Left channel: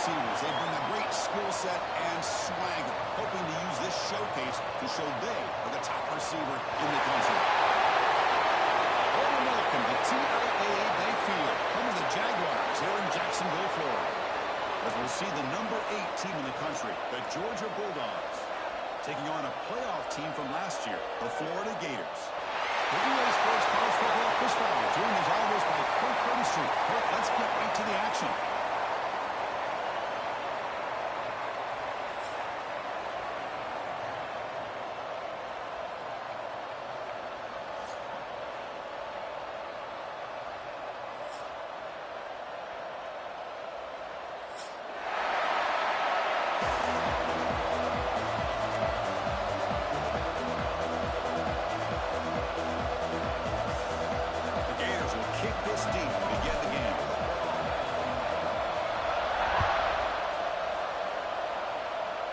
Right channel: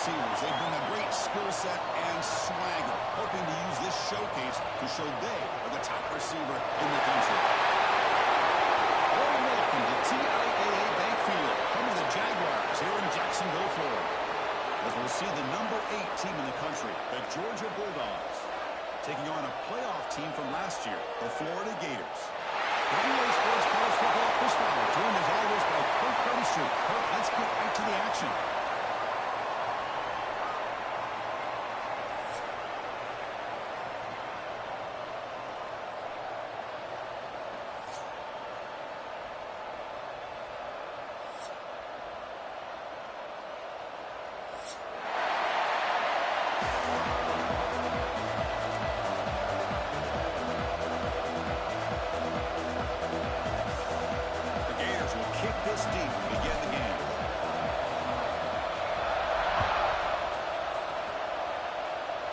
receivers. They bring a great skill set and swagger, hoping to use this showcase to show they are the top receiver in the country. Welcome to TIAA Bank Field, home of the Jaguars here in Jacksonville, Florida. As we'll see the number 8 team in the country, the Georgia Bulldogs, taking on a playoff team from last year, the Florida Gators. The EA Sports College Football Chris Fowler, joined as always by Kirk Curtis. Kirk, let's get right to the action. This deep to begin the game.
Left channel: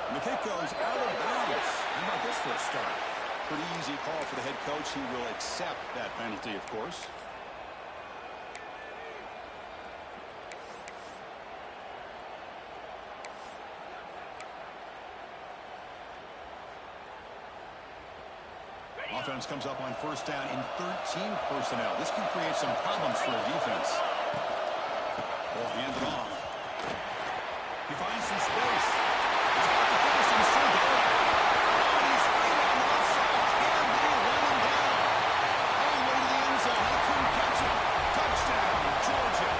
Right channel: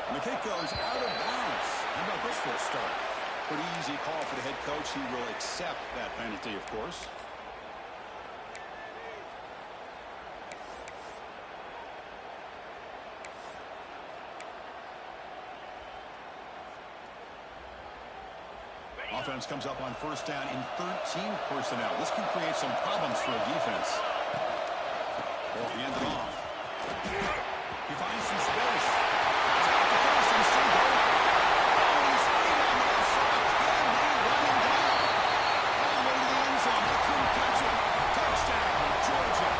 And the kick goes out of bounds. How about this for a start? Pretty easy call for the head coach. He will accept that penalty, of course. Offense comes up on first down in 13 personnel. This can create some problems for a defense. Ball handed off. He finds some space. He's got the first and still going. Oh, and he's free down the left side. Can they run him down? All the way to the end zone. They couldn't catch him. Touchdown, Georgia.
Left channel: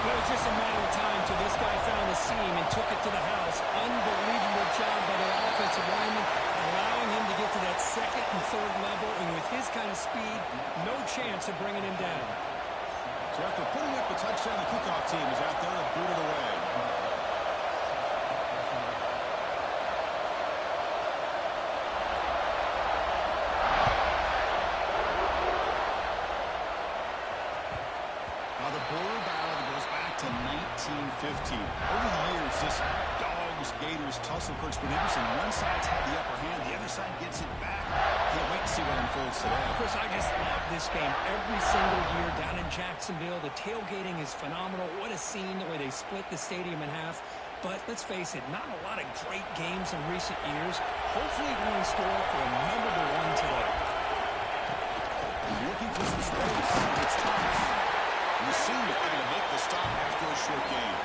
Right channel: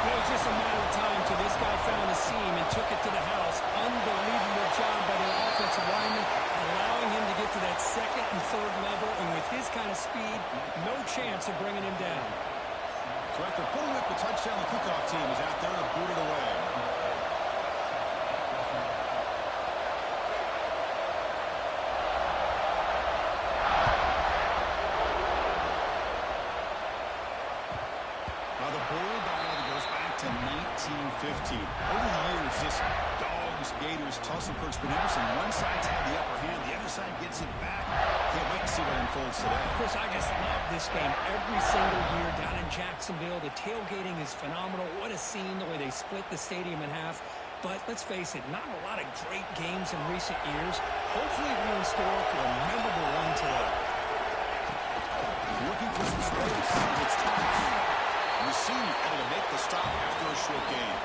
It was just a matter of time till this guy found a seam and took it to the house. Unbelievable job by their offensive lineman, allowing him to get to that second and third level. And with his kind of speed, no chance of bringing him down. So after pulling up the touchdown, the kickoff team is out there to boot it away. Now the border battle goes back to 1915. Over the years, this Dogs-Gators tussle. Kirk's been interesting. One side's had the upper hand. The other side gets it back. Can't wait to see what unfolds today. Chris, I just love this game every single year down in Jacksonville. The tailgating is phenomenal. What a scene, the way they split the stadium in half. But let's face it, not a lot of great games in recent years. Hopefully we're in store for a memorable one today. He's looking for some space. It's Thomas. The senior able to make the stop after a short game.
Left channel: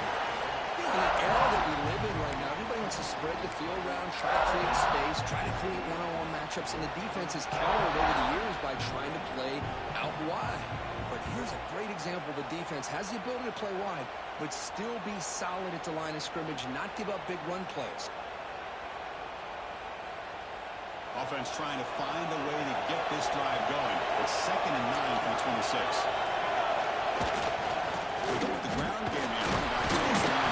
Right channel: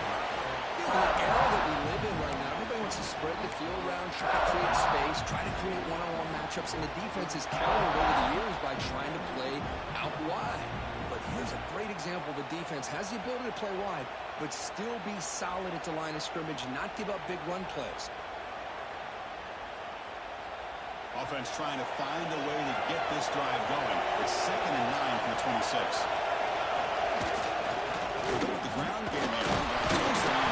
You know, in the era that we live in right now, everybody wants to spread the field around, try to create space, try to create one-on-one matchups, and the defense has countered over the years by trying to play out wide. But here's a great example. The defense has the ability to play wide, but still be solid at the line of scrimmage and not give up big run plays. Offense trying to find a way to get this drive going. It's 2nd and 9 from the 26. We go with the ground game here. Back to the stand.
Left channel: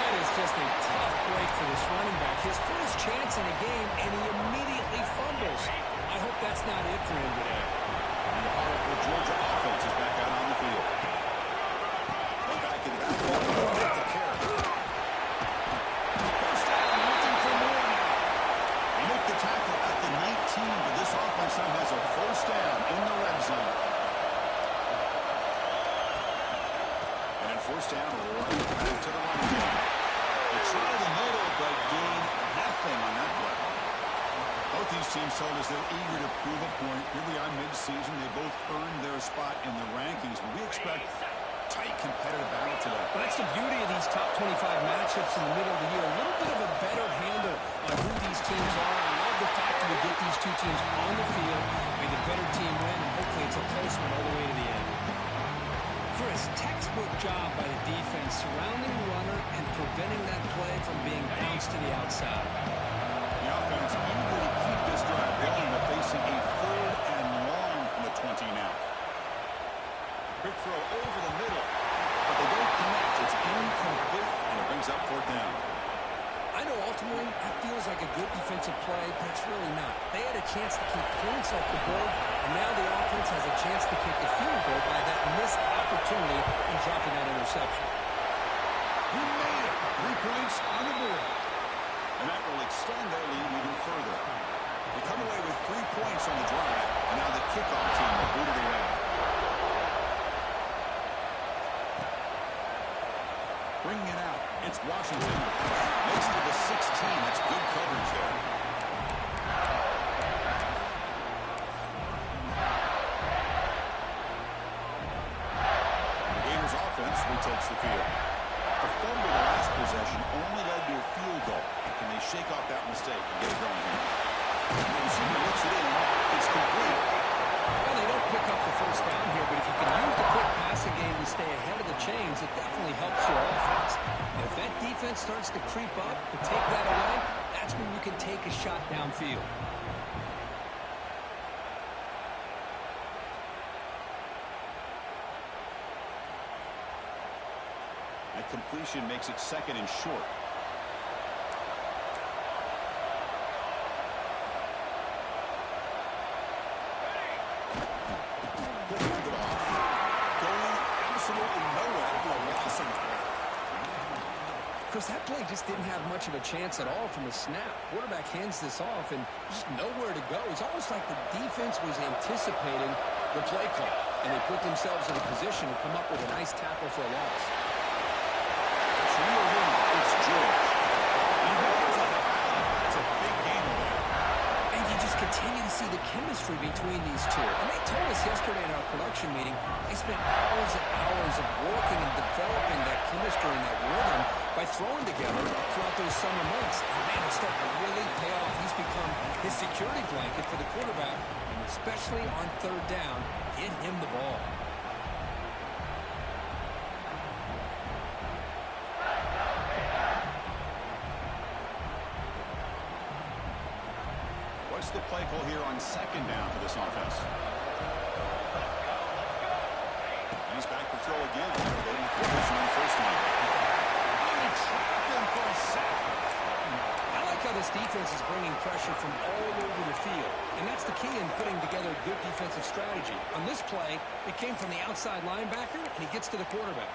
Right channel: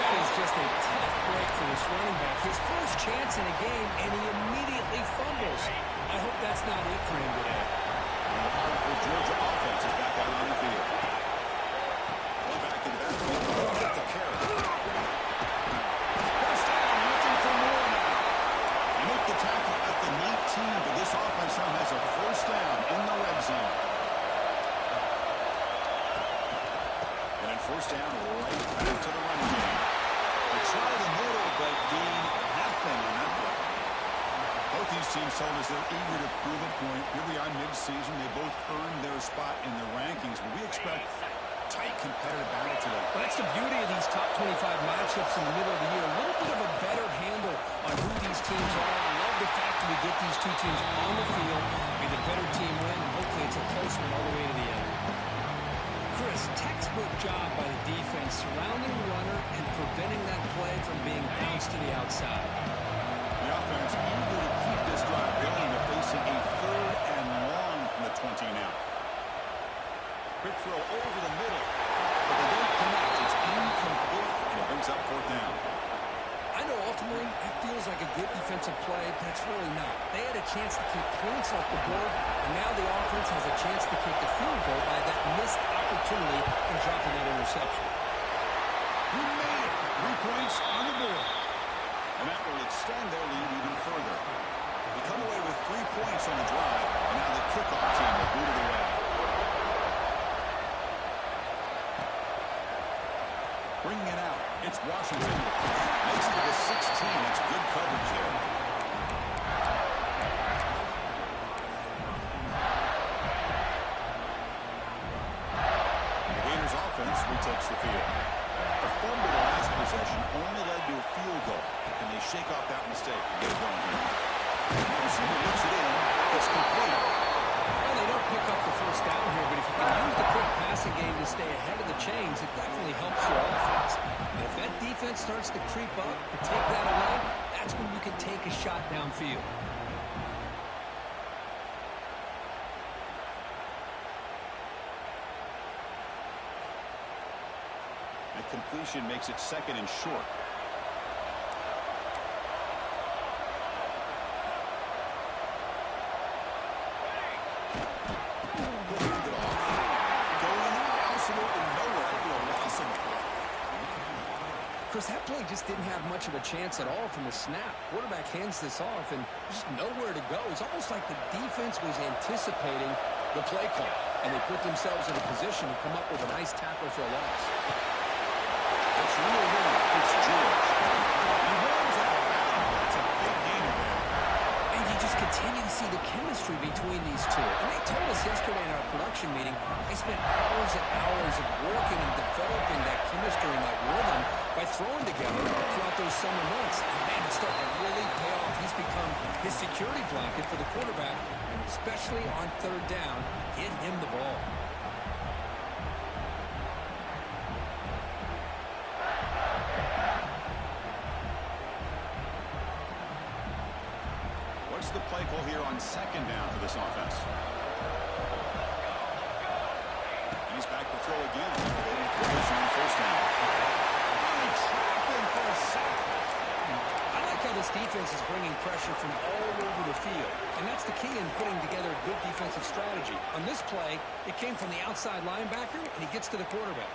That is just a tough break for this running back. His first chance in a game, and he immediately fumbles. I hope that's not it for him today. And the powerful Georgia offense is back out on the field. We're back in the backfield. Get the carry. First down, looking for more now. They make the tackle at the 19, but this offense now has a first down in the red zone. And then first down right back to the running game. They try the middle, but gain nothing on that play. Both these teams told us they're eager to prove a point. Here we are mid-season. They both earned their spot in the rankings, but we expect tight competitive battle today. Well, that's the beauty of these top 25 matchups in the middle of the year. A little bit of a better handle on who these teams are. I love the fact that we get these two teams on the field. May the better team win, and hopefully it's a close one all the way to the end. Chris, textbook job by the defense surrounding the runner and preventing that play from being bounced to the outside. The offense eager to keep this drive going. They're facing a 3rd and long from the 20 now. Quick throw over the middle, but they don't connect. It's incomplete, and it brings up 4th down. I know ultimately that feels like a good defensive play, but it's really not. They had a chance to keep points off the board, and now the offense has a chance to kick a field goal by that missed opportunity in dropping that interception. You made it. 3 points on the board. And that will extend their lead even further. They come away with 3 points on the drive, and now the kickoff team will boot it away. Bringing it out, it's Washington. Makes it to the 16. That's good coverage there. And the Gators offense retakes the field. A fumble the last possession only led to a field goal. Can they shake off that mistake and get it going here? The receiver looks it in. It's complete. Well, they don't pick up the first down here, but if you can use the quick passing game to stay ahead of the chains, it definitely helps your offense. And if that defense starts to creep up and take that away, that's when you can take a shot downfield. That completion makes it second and short. Chris, that play just didn't have much of a chance at all from the snap. Quarterback hands this off and just nowhere to go. It's almost like the defense was anticipating the play call, and they put themselves in a position to come up with a nice tackle for a loss. It's reeled in. It's George. He holds out of bounds. That's a big gain there. And you just continue to see the chemistry between these two. And they told us yesterday in our production meeting, they spent hours and hours of working and developing that chemistry and that rhythm by throwing together throughout those summer months. And man, it's starting to really pay off. He's become his security blanket for the quarterback, and especially on third down, get him the ball. What's the play call here on second down for this offense? And he's back to throw again. Getting completion on first down. Oh, they trap him for a sack. I like how this defense is bringing pressure from all over the field. And that's the key in putting together a good defensive strategy. On this play, it came from the outside linebacker, and he gets to the quarterback.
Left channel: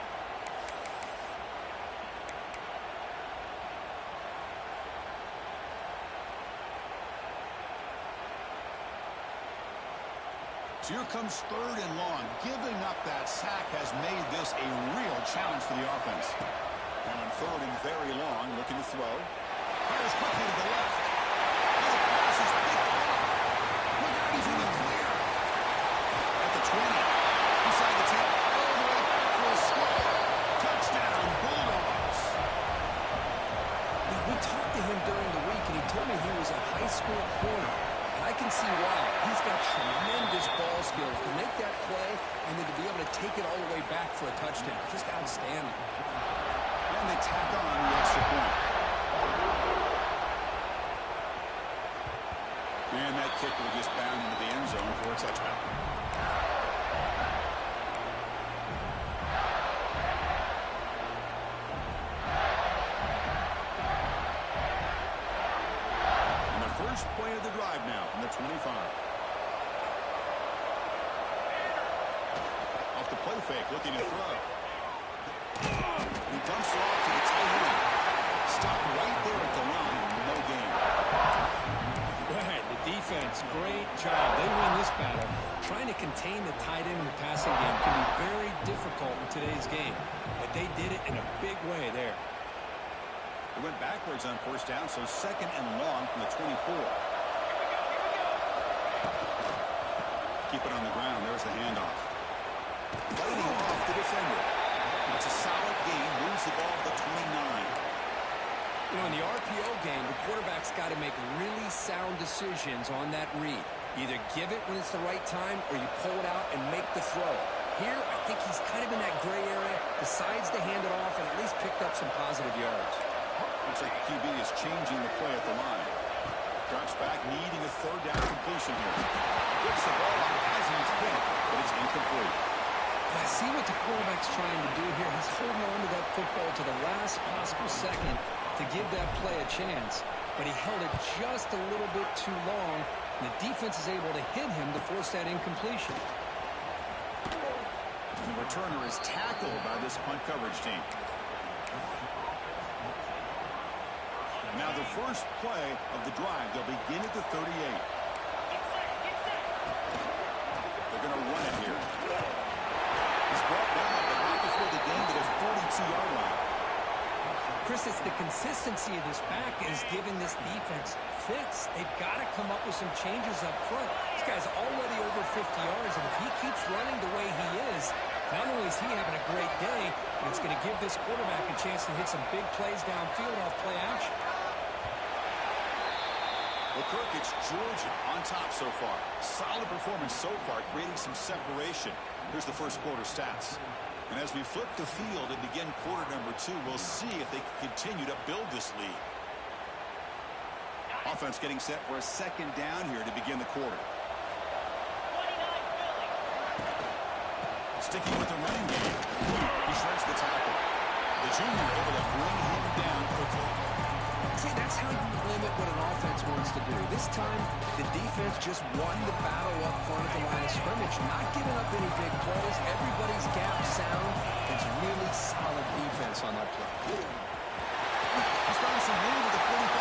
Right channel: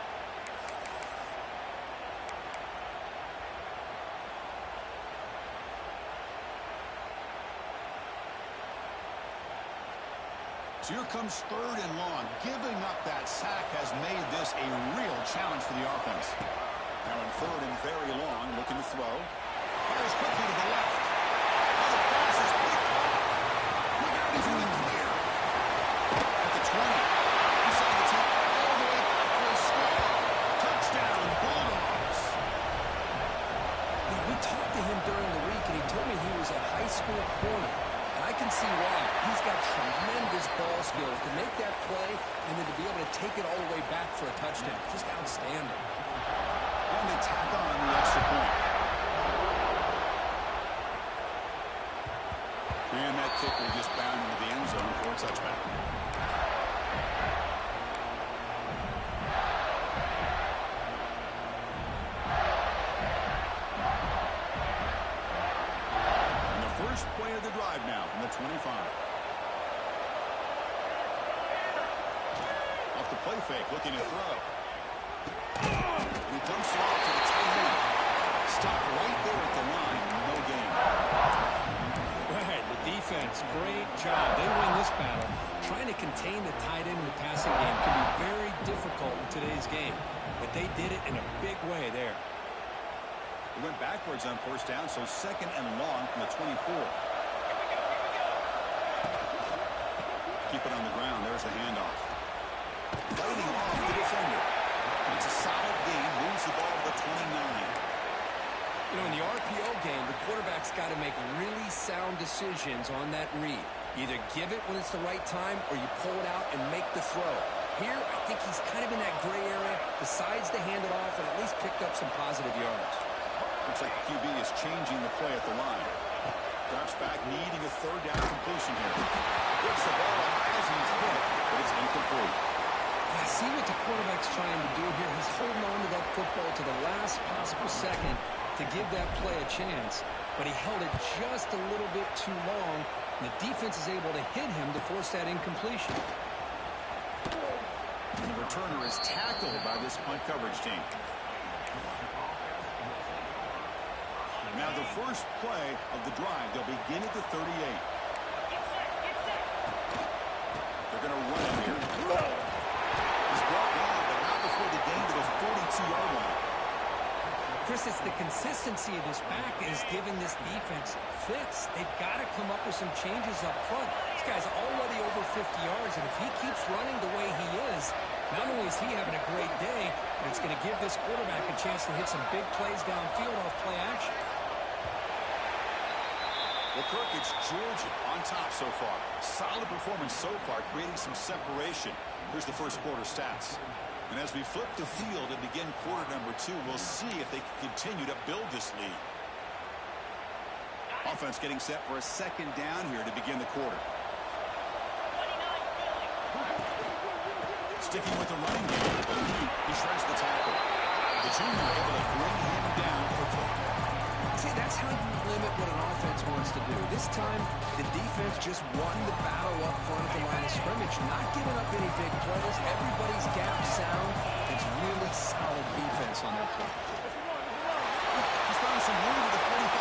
So here comes third and long. Giving up that sack has made this a real challenge for the offense. Now in third and very long, looking to throw. Fires quickly to the left. Now the pass is picked off. Look out, he's in the clear. At the 20. Inside the 10. All the way back for a score. Touchdown, Bulldogs. Yeah, we talked to him during the week, and he told me he was a high school corner. And I can see why. He's got tremendous ball skills to make that play and then to be able to take it all the way back for a touchdown. Just outstanding. And they tack on the extra point. And that kick will just bound into the end zone for a touchback. First play of the drive now from the 25. Off the play fake, looking to throw. He dumps it off to the tight end. Stopped right there at the line. No gain. Right, the defense, great job. They win this battle. Trying to contain the tight end in the passing game can be very difficult in today's game. But they did it in a big way there. It went backwards on first down, so second and long from the 24. Keep it on the ground. There's the handoff. Fighting off the defender. It's a solid gain. Moves the ball to the 29. You know, in the RPO game, the quarterback's got to make really sound decisions on that read. Either give it when it's the right time or you pull it out and make the throw. Here, I think he's kind of in that gray area, decides to hand it off, and at least picked up some positive yards. Looks like the QB is changing the play at the line. Drops back, needing a third down completion here. Gets the ball up as he's hit, but it's incomplete. I see what the quarterback's trying to do here. He's holding on to that football to the last possible second to give that play a chance. But he held it just a little bit too long, and the defense is able to hit him to force that incompletion. And the returner is tackled by this punt coverage team. Now the first play of the drive, they'll begin at the 38. They're going to run it here. He's brought down, but not before the gain to the 42-yard line. Chris, it's the consistency of this back is giving this defense fits. They've got to come up with some changes up front. This guy's already over 50 yards, and if he keeps running the way he is, not only is he having a great day, but it's going to give this quarterback a chance to hit some big plays downfield off play action. Well, Kirk, it's Georgia on top so far. Solid performance so far, creating some separation. Here's the first quarter stats. And as we flip the field and begin quarter number 2, we'll see if they can continue to build this lead. Offense getting set for a second down here to begin the quarter. Sticking with the running game. He shreds the tackle. The junior able to bring him down quickly. See, that's how you limit what an offense wants to do. This time, the defense just won the battle up front at the line of scrimmage, not giving up any big plays. Everybody's gap sound. It's really solid defense on that play. He's found some room at the 45.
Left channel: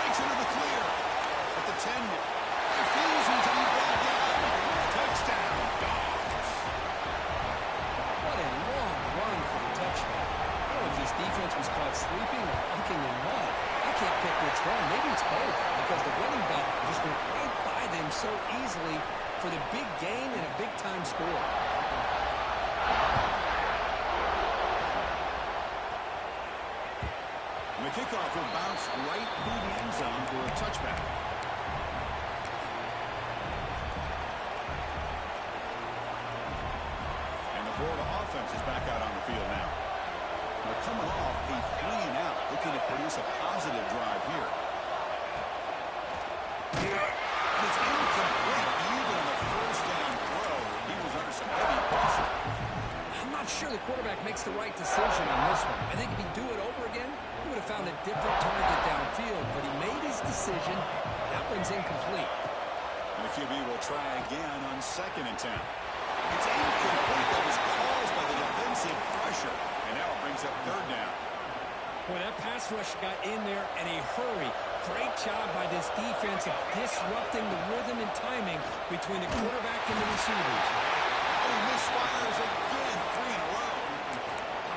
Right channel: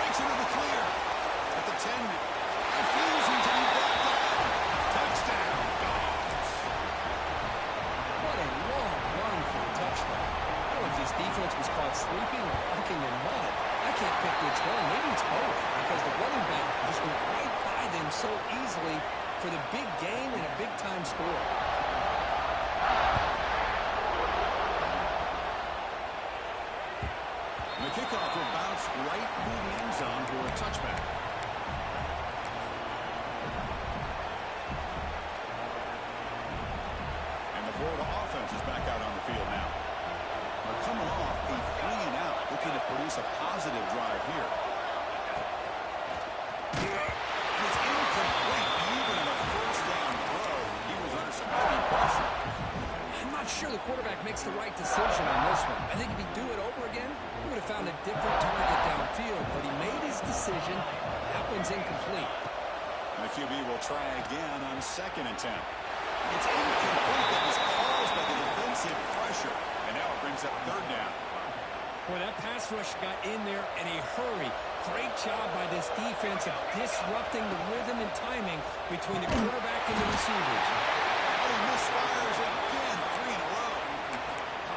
Breaks into the clear. At the 10, refusing to be brought down. Touchdown, Dogs. What a long run for a touchdown. I don't know if this defense was caught sleeping or walking in mud. I can't pick which one. Maybe it's both, because the running back just went right by them so easily for the big gain and a big-time score. And the kickoff will bounce right through the end zone for a touchback. And the Florida offense is back out on the field now. They're coming off a 3-and-out, looking to produce a positive drive here. And it's incomplete. Even in a first down throw, he was under some heavy pressure. I'm not sure the quarterback makes the right decision on this one. I think if he'd do it over again, he would have found a different target downfield, but he made his decision. That one's incomplete. And the QB will try again on 2nd and 10. It's incomplete. That was caused by the defensive pressure. And now it brings up 3rd down. Boy, that pass rush got in there in a hurry. Great job by this defense of disrupting the rhythm and timing between the quarterback and the receivers. Oh, he misfires again. 3 in a row.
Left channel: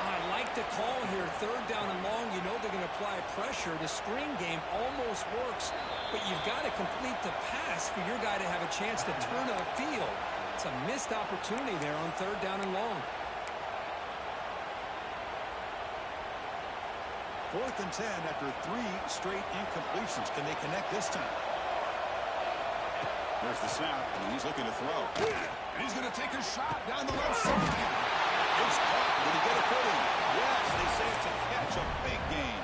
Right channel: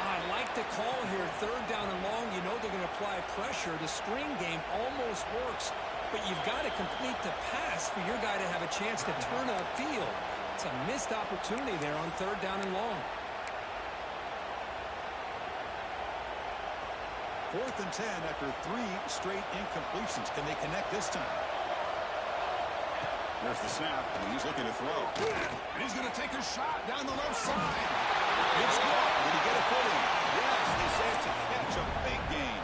I like the call here. 3rd down and long. You know they're going to apply pressure. The screen game almost works, but you've got to complete the pass for your guy to have a chance to turn upfield. It's a missed opportunity there on 3rd down and long. 4th and 10 after 3 straight incompletions. Can they connect this time? There's the snap, and he's looking to throw. And he's going to take a shot down the left side. It's caught. Did he get a foot in? Yes, they say it's a catch, a big gain.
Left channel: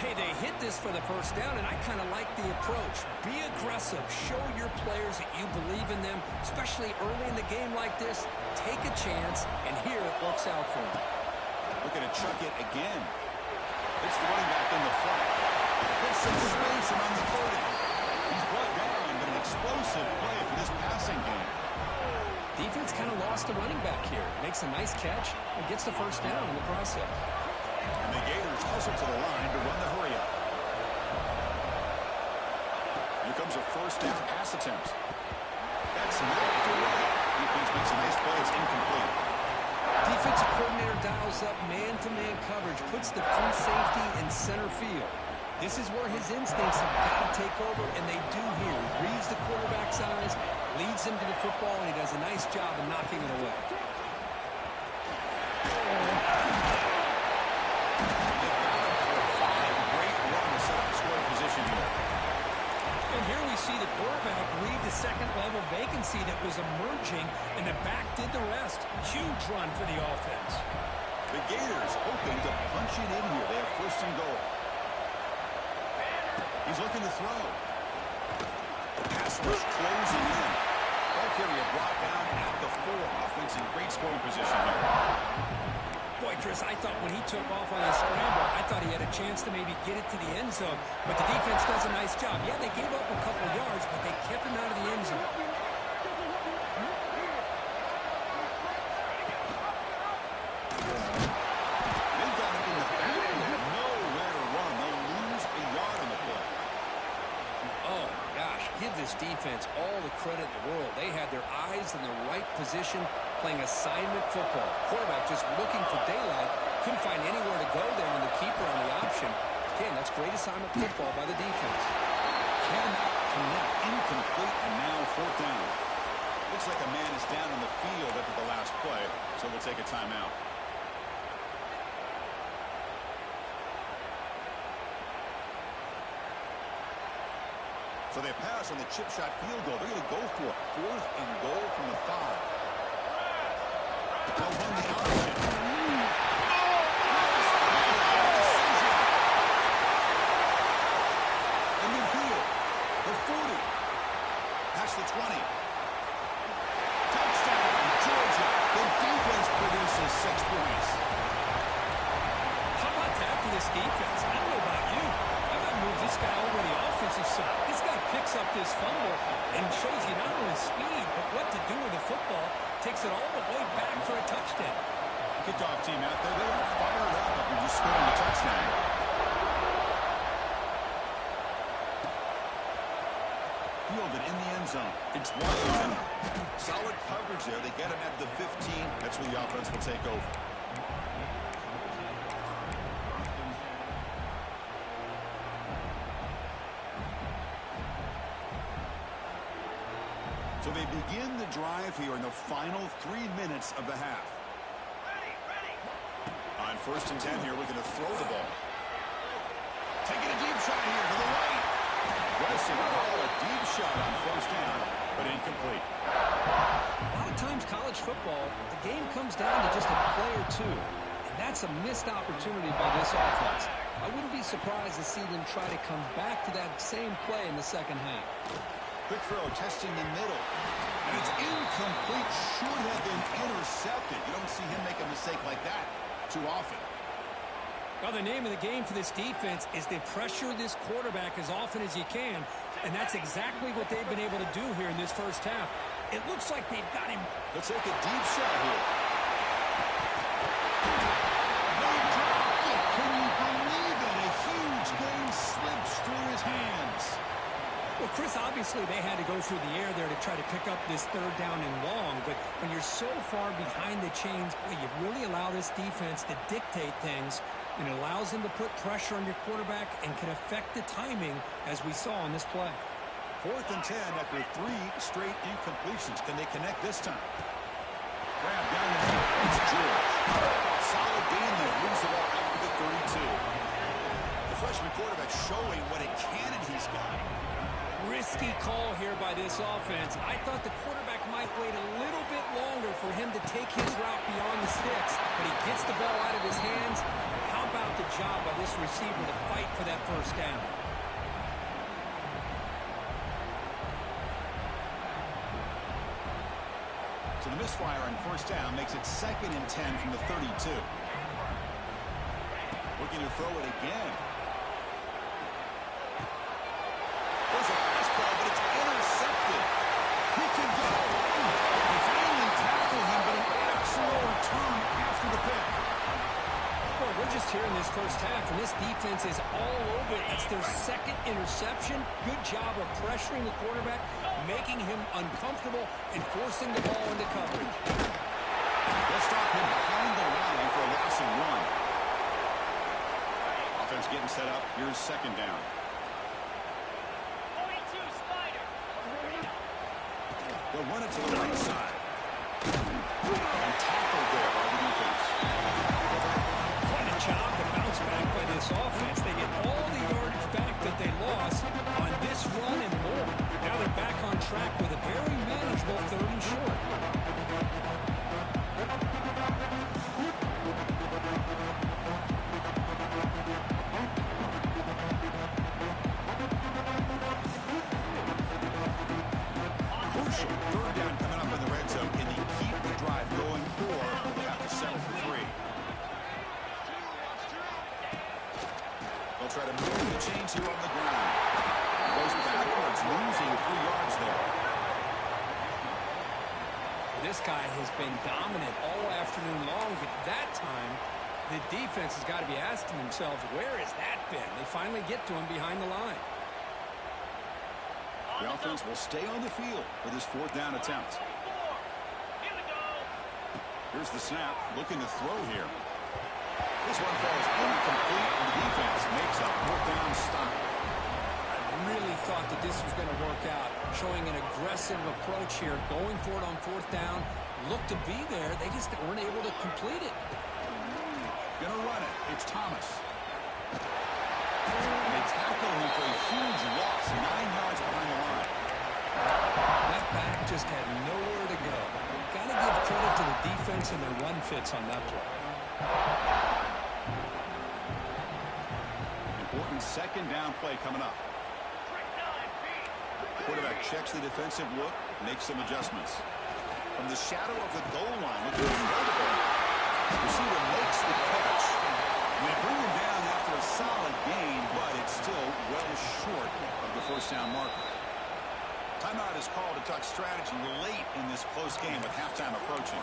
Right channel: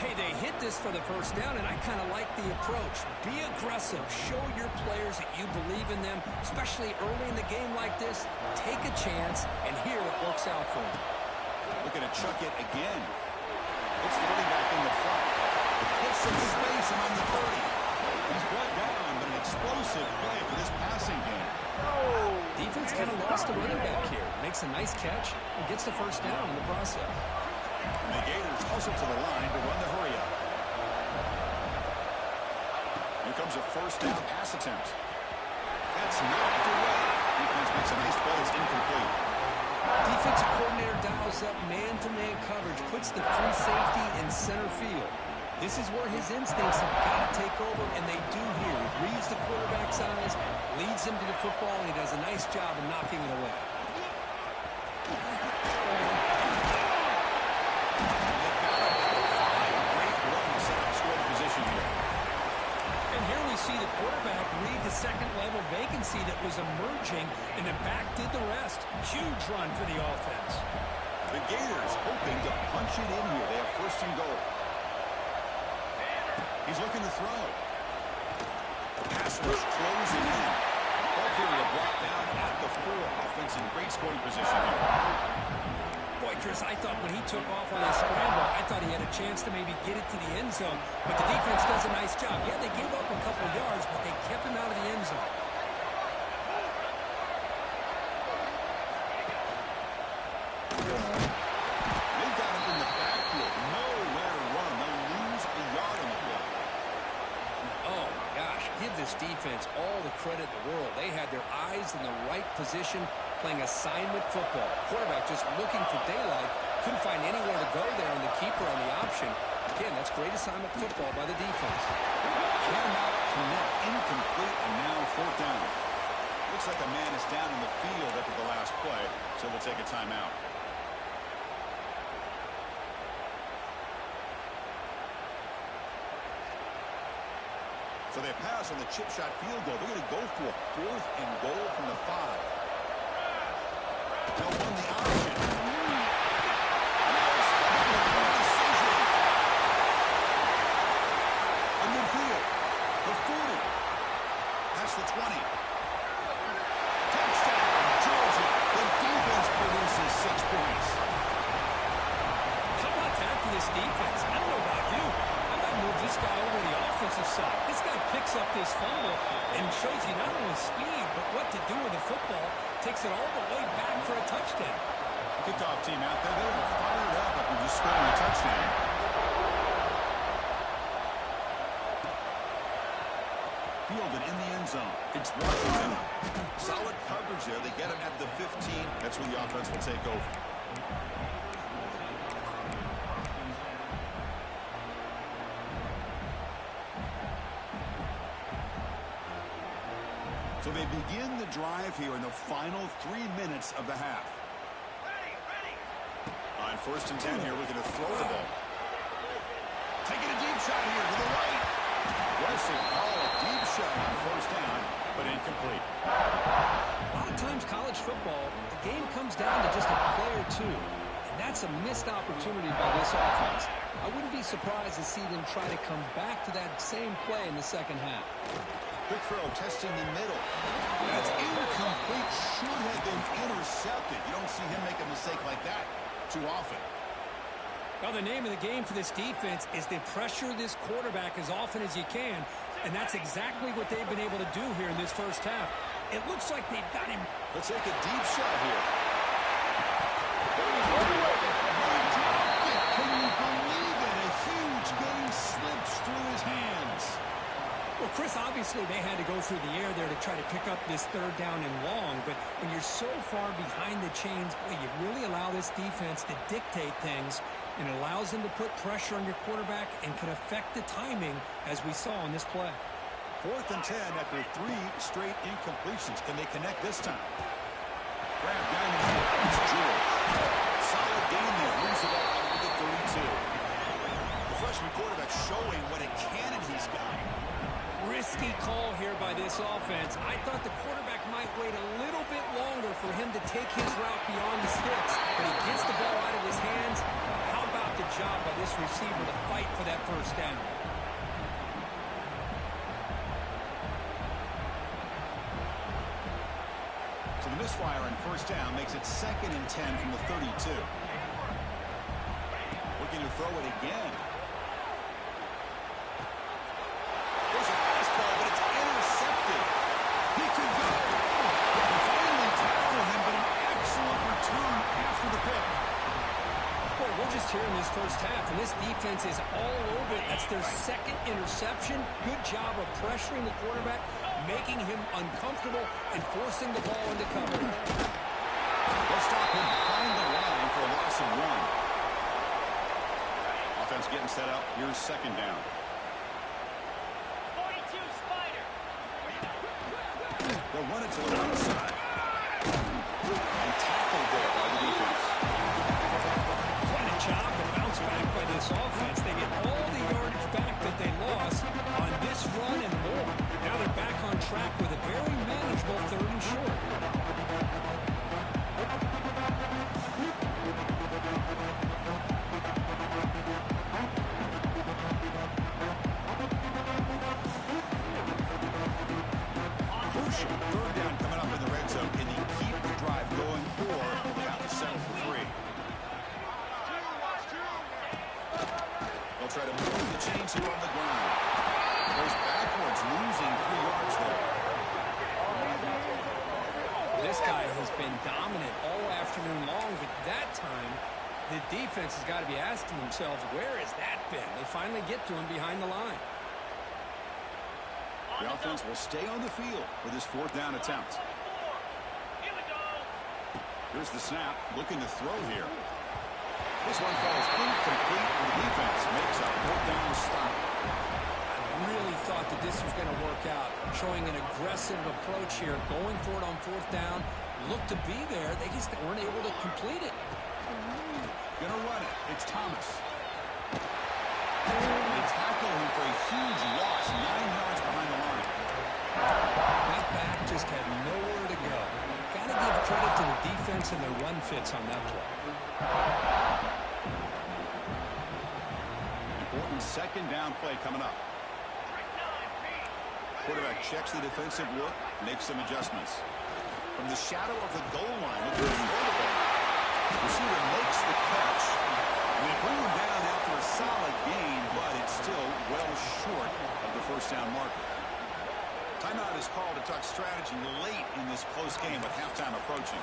Hey, they hit this for the first down, and I kind of like the approach. Be aggressive. Show your players that you believe in them, especially early in the game like this. Take a chance, and here it works out for them. Looking to chuck it again. It's the running back in the front. Gets some space around the 30. He's brought down, but an explosive play for this passing game. Defense kind of lost the running back here. Makes a nice catch and gets the first down in the process. And the Gators hustle to the line to run the hurry up. Here comes a 1st down pass attempt. That's knocked away. Defense makes a nice play. It's incomplete. Defensive coordinator dials up man-to-man coverage, puts the free safety in center field. This is where his instincts have got to take over, and they do here. He reads the quarterback's eyes, leads him to the football, and he does a nice job of knocking it away. They've got it at the 5. Great run to set up scoring position here. And here we see the quarterback read the second-level vacancy that was emerging, and the back did the rest. Huge run for the offense. The Gators hoping to punch it in here. They have 1st and goal. He's looking to throw. Pass rush closing in. Ball carrier brought down at the 4. Offense in great scoring position here. Boy, Chris, I thought when he took off on his scramble, I thought he had a chance to maybe get it to the end zone. But the defense does a nice job. Yeah, they gave up a couple yards, but they kept him out of the end zone. They've got him in the backfield. Nowhere to run. They'll lose a yard on the play. Oh, gosh, give this defense all the credit in the world. They had their eyes in the right position, playing assignment football. Quarterback just looking for daylight, Couldn't find anywhere to go there on the keeper on the option. Again, that's great assignment football by the defense. Cannot connect. Incomplete, and now fourth down. Looks like a man is down in the field after the last play, so we'll take a timeout. So they pass on the chip shot field goal. They're going to go for fourth and goal from the 5. They'll run the option. Decision. A midfield. The 40. Past the 20. Touchdown, Georgia. The defense produces 6 points. How about that for this defense? I don't know about you. I might move this guy over to the offensive side. This guy picks up this fumble and shows you not only speed, but what to do with the football. Takes it all the way back for a touchdown. Kickoff team out there, they are fired up after just scoring a touchdown. Fielded in the end zone. It's Washington. Solid coverage there. They get him at the 15. That's where the offense will take over. So they begin the drive here in the final 3 minutes of the half. On first and 10 here, looking to throw the ball. Taking a deep shot here to the right. Aggressive ball, a deep shot on first down, but incomplete. A lot of times college football, the game comes down to just a play or two. And that's a missed opportunity by this offense. I wouldn't be surprised to see them try to come back to that same play in the second half. Quick throw, testing the middle. That's incomplete. Should have been intercepted. You don't see him make a mistake like that too often. Well, the name of the game for this defense is to pressure this quarterback as often as you can, and that's exactly what they've been able to do here in this first half. It looks like they've got him. They'll take a deep shot here. They dropped it. Can you believe it? A huge game slips through his hands. Well, Chris, obviously they had to go through the air there to try to pick up this third down and long, but when you're so far behind the chains, boy, you really allow this defense to dictate things, and it allows them to put pressure on your quarterback and can affect the timing, as we saw on this play. Fourth and 10 after 3 straight incompletions. Can they connect this time? Grab down the field. It's George. Solid gain there. Moves the ball out to the 32. The freshman quarterback showing what a cannon he's got. Risky call here by this offense. I thought the quarterback might wait a little bit longer for him to take his route beyond the sticks, but he gets the ball out of his hands. How about the job by this receiver to fight for that first down? So the misfire on first down makes it 2nd and 10 from the 32. Looking to throw it again. There's a fastball, but it's intercepted. He could go. They finally tackle him, but an excellent return after the pick. Well, we're just here in this first half, and this defense is all over it. That's their 2nd interception. Good job of pressuring the quarterback, making him uncomfortable, and forcing the ball into coverage. They'll stop him behind the line for a loss of 1. Offense getting set up. Here's 2nd down. They'll run it to the right side. And tackled there by the defense. Quite a job to bounce back by this offense. They get all the yardage back that they lost on this run and more. Now they're back on track with a very manageable 3rd and short. Crucial 3rd down coming up in the red zone. Can they keep the drive going, or will they have to settle for 3? They'll try to move the chains here on the ground. Goes backwards, losing 3 yards there. This guy has been dominant all afternoon long, but that time the defense has got to be asking themselves, where has that been? They finally get to him behind the line. The offense will stay on the field for this 4th down attempt. Here's the snap, looking to throw here. This one falls incomplete, and the defense makes a fourth down stop. I really thought that this was going to work out, showing an aggressive approach here, going for it on fourth down. Looked to be there. They just weren't able to complete it. Going to run it. It's Thomas. And they tackle him for a huge loss, 9 yards behind the line. That back just had nowhere to go. Got to give credit to the defense and their run fits on that play. Important second down play coming up. Quarterback checks the defensive look, makes some adjustments. From the shadow of the goal line, looking to throw the ball. Receiver makes the catch. And they bring him down after a solid gain, but it's still well short of the first down marker. Timeout is called to talk strategy late in this close game with halftime approaching.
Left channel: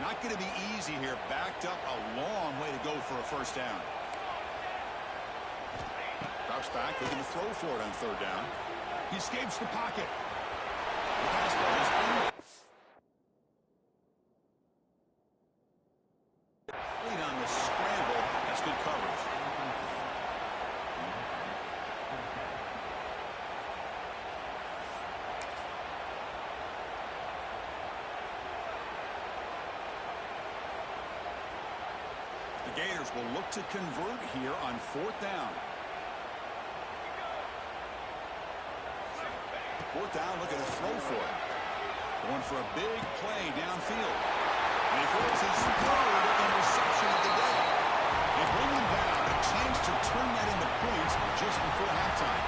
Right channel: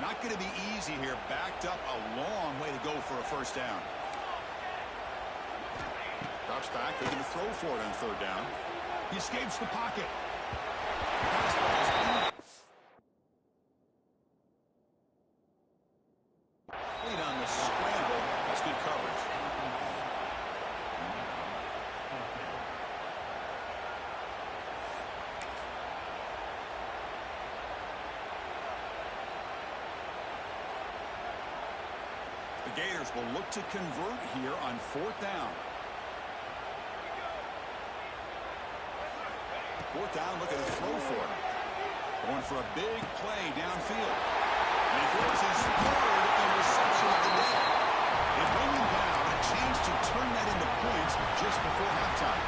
Not going to be easy here. Backed up a long way to go for a first down. Drops back, looking to throw for it on third down. He escapes the pocket. The pass ball is complete on the scramble. That's good coverage. The Gators will look to convert here on fourth down. Fourth down, looking to throw for it. Going for a big play downfield. And he throws his third interception of the day. They bring him down, a chance to turn that into points just before halftime.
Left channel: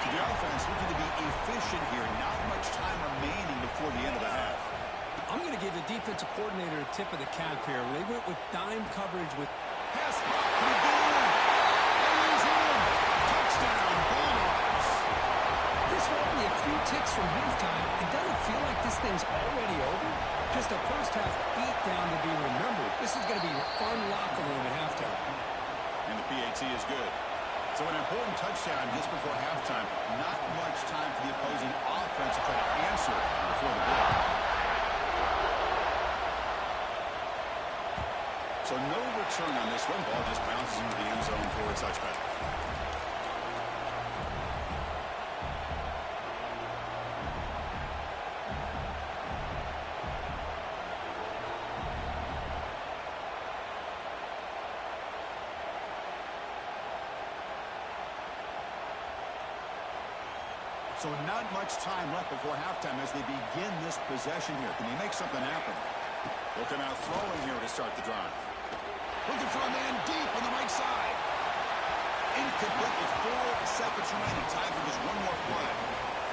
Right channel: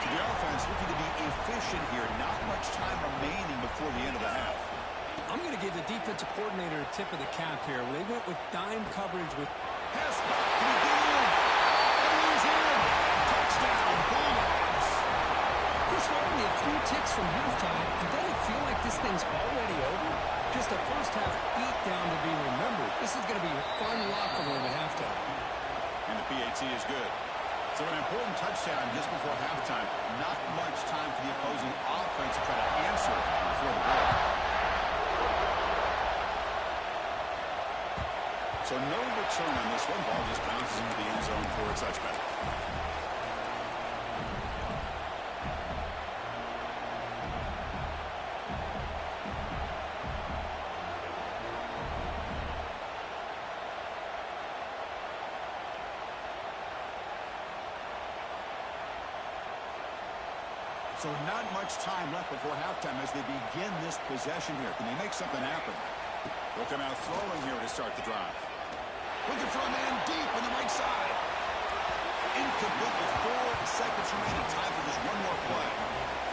To the offense, looking to be efficient here. Not much time remaining before the end of the half. I'm going to give the defensive coordinator a tip of the cap here. They went with dime coverage with... Pass block, can he get in? And he's in. Touchdown, Bulldogs. Chris, we're only a few ticks from halftime, and doesn't it feel like this thing's already over? Just a first-half beatdown to be remembered. This is going to be a fun locker room at halftime. And the PAT is good. So an important touchdown just before halftime. Not much time for the opposing offense to try to answer before the break. So no return on this one. Ball just bounces into the end zone for a touchback. So not much time left before halftime as they begin this possession here. Can they make something happen? They'll come out throwing here to start the drive. Looking for a man deep on the right side. Incomplete with 4 seconds remaining. Time for just one more play.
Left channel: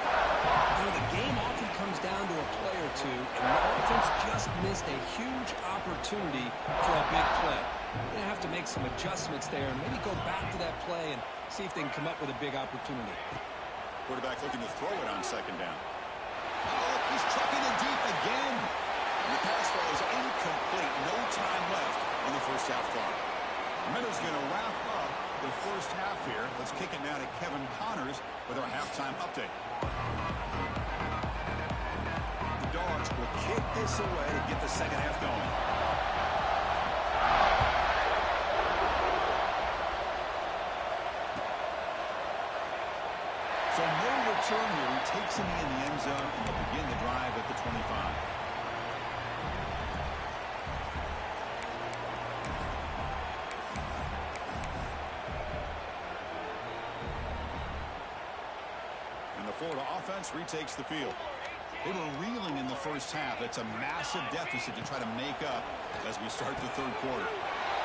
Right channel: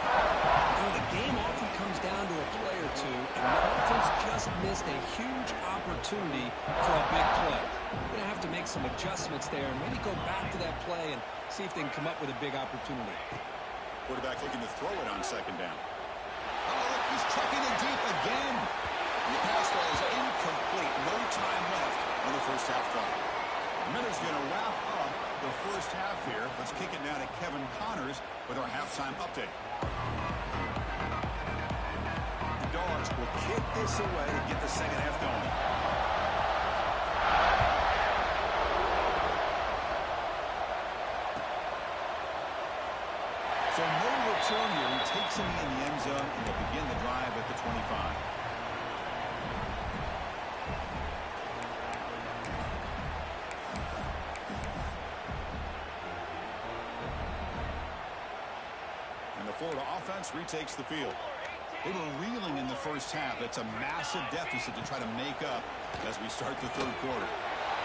You know, the game often comes down to a play or two, and the offense just missed a huge opportunity for a big play. Going to have to make some adjustments there and maybe go back to that play and see if they can come up with a big opportunity. Quarterback looking to throw it on second down. Oh, look, he's trucking it deep again. And the pass ball is incomplete. No time left on the first half clock. Miller's going to wrap up the first half here. Let's kick it now to Kevin Connors with our halftime update. The Dogs will kick this away to get the second half going. So no return here. He takes him in the end zone, and they'll begin the drive at the 25. And the Florida offense retakes the field. They were reeling in the first half. It's a massive deficit to try to make up as we start the third quarter.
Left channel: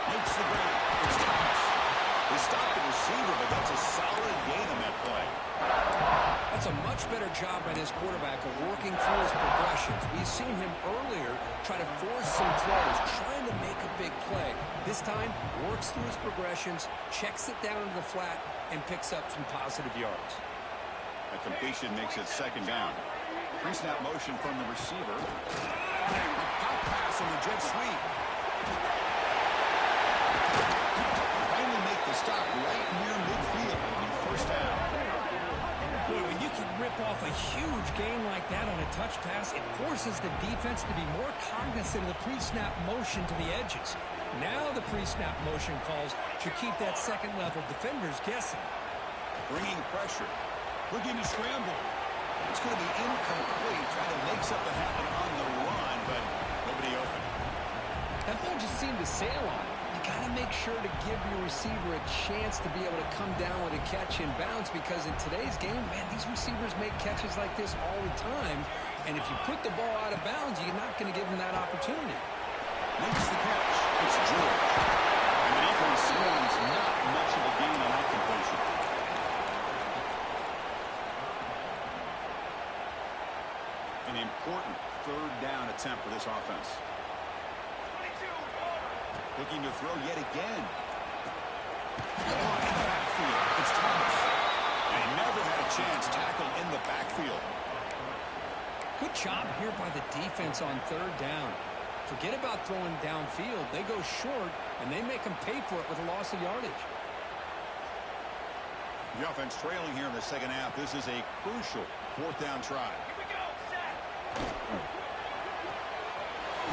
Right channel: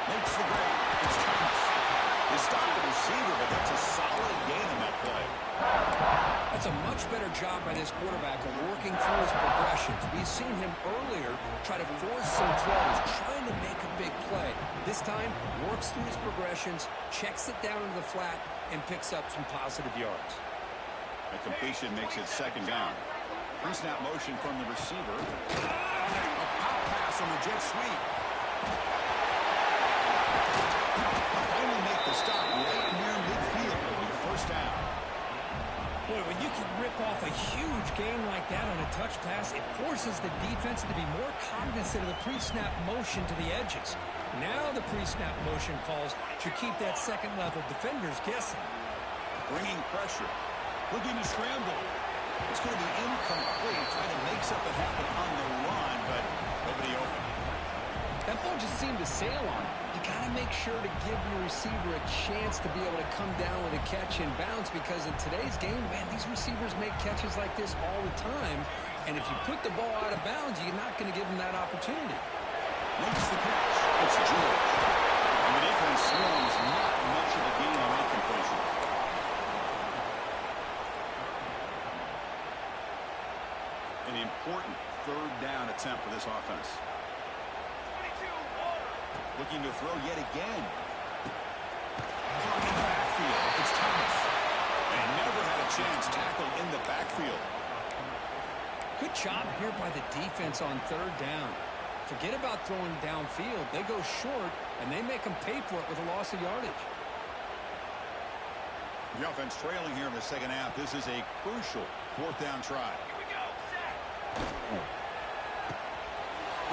Makes the break. It's Thomas. They stopped the receiver, but that's a solid gain on that play. That's a much better job by this quarterback of working through his progressions. We've seen him earlier try to force some throws, trying to make a big play. This time, works through his progressions, checks it down into the flat, and picks up some positive yards. A completion makes it second down. Pre-snap motion from the receiver. A pop pass on the jet sweep. Finally make the stop right near midfield. It'll be first down. Boy, when you can rip off a huge gain like that on a touch pass, it forces the defense to be more cognizant of the pre-snap motion to the edges. Now the pre-snap motion calls should keep that second-level defenders guessing. Bringing pressure. Looking to scramble. It's going to be incomplete. Trying to make something happen on the run, but nobody open. That ball just seemed to sail on it. You got to make sure to give your receiver a chance to be able to come down with a catch and bounce, because in today's game, man, these receivers make catches like this all the time. And if you put the ball out of bounds, you're not going to give them that opportunity. Makes the catch. It's George. And the defense swarms not much of a gain on that completion. An important third down attempt for this offense. Looking to throw yet again. Caught in the backfield. It's Thomas. And he never had a chance tackled in the backfield. Good job here by the defense on third down. Forget about throwing downfield. They go short, and they make them pay for it with a loss of yardage. The offense trailing here in the second half. This is a crucial fourth down try. Here we go. Set.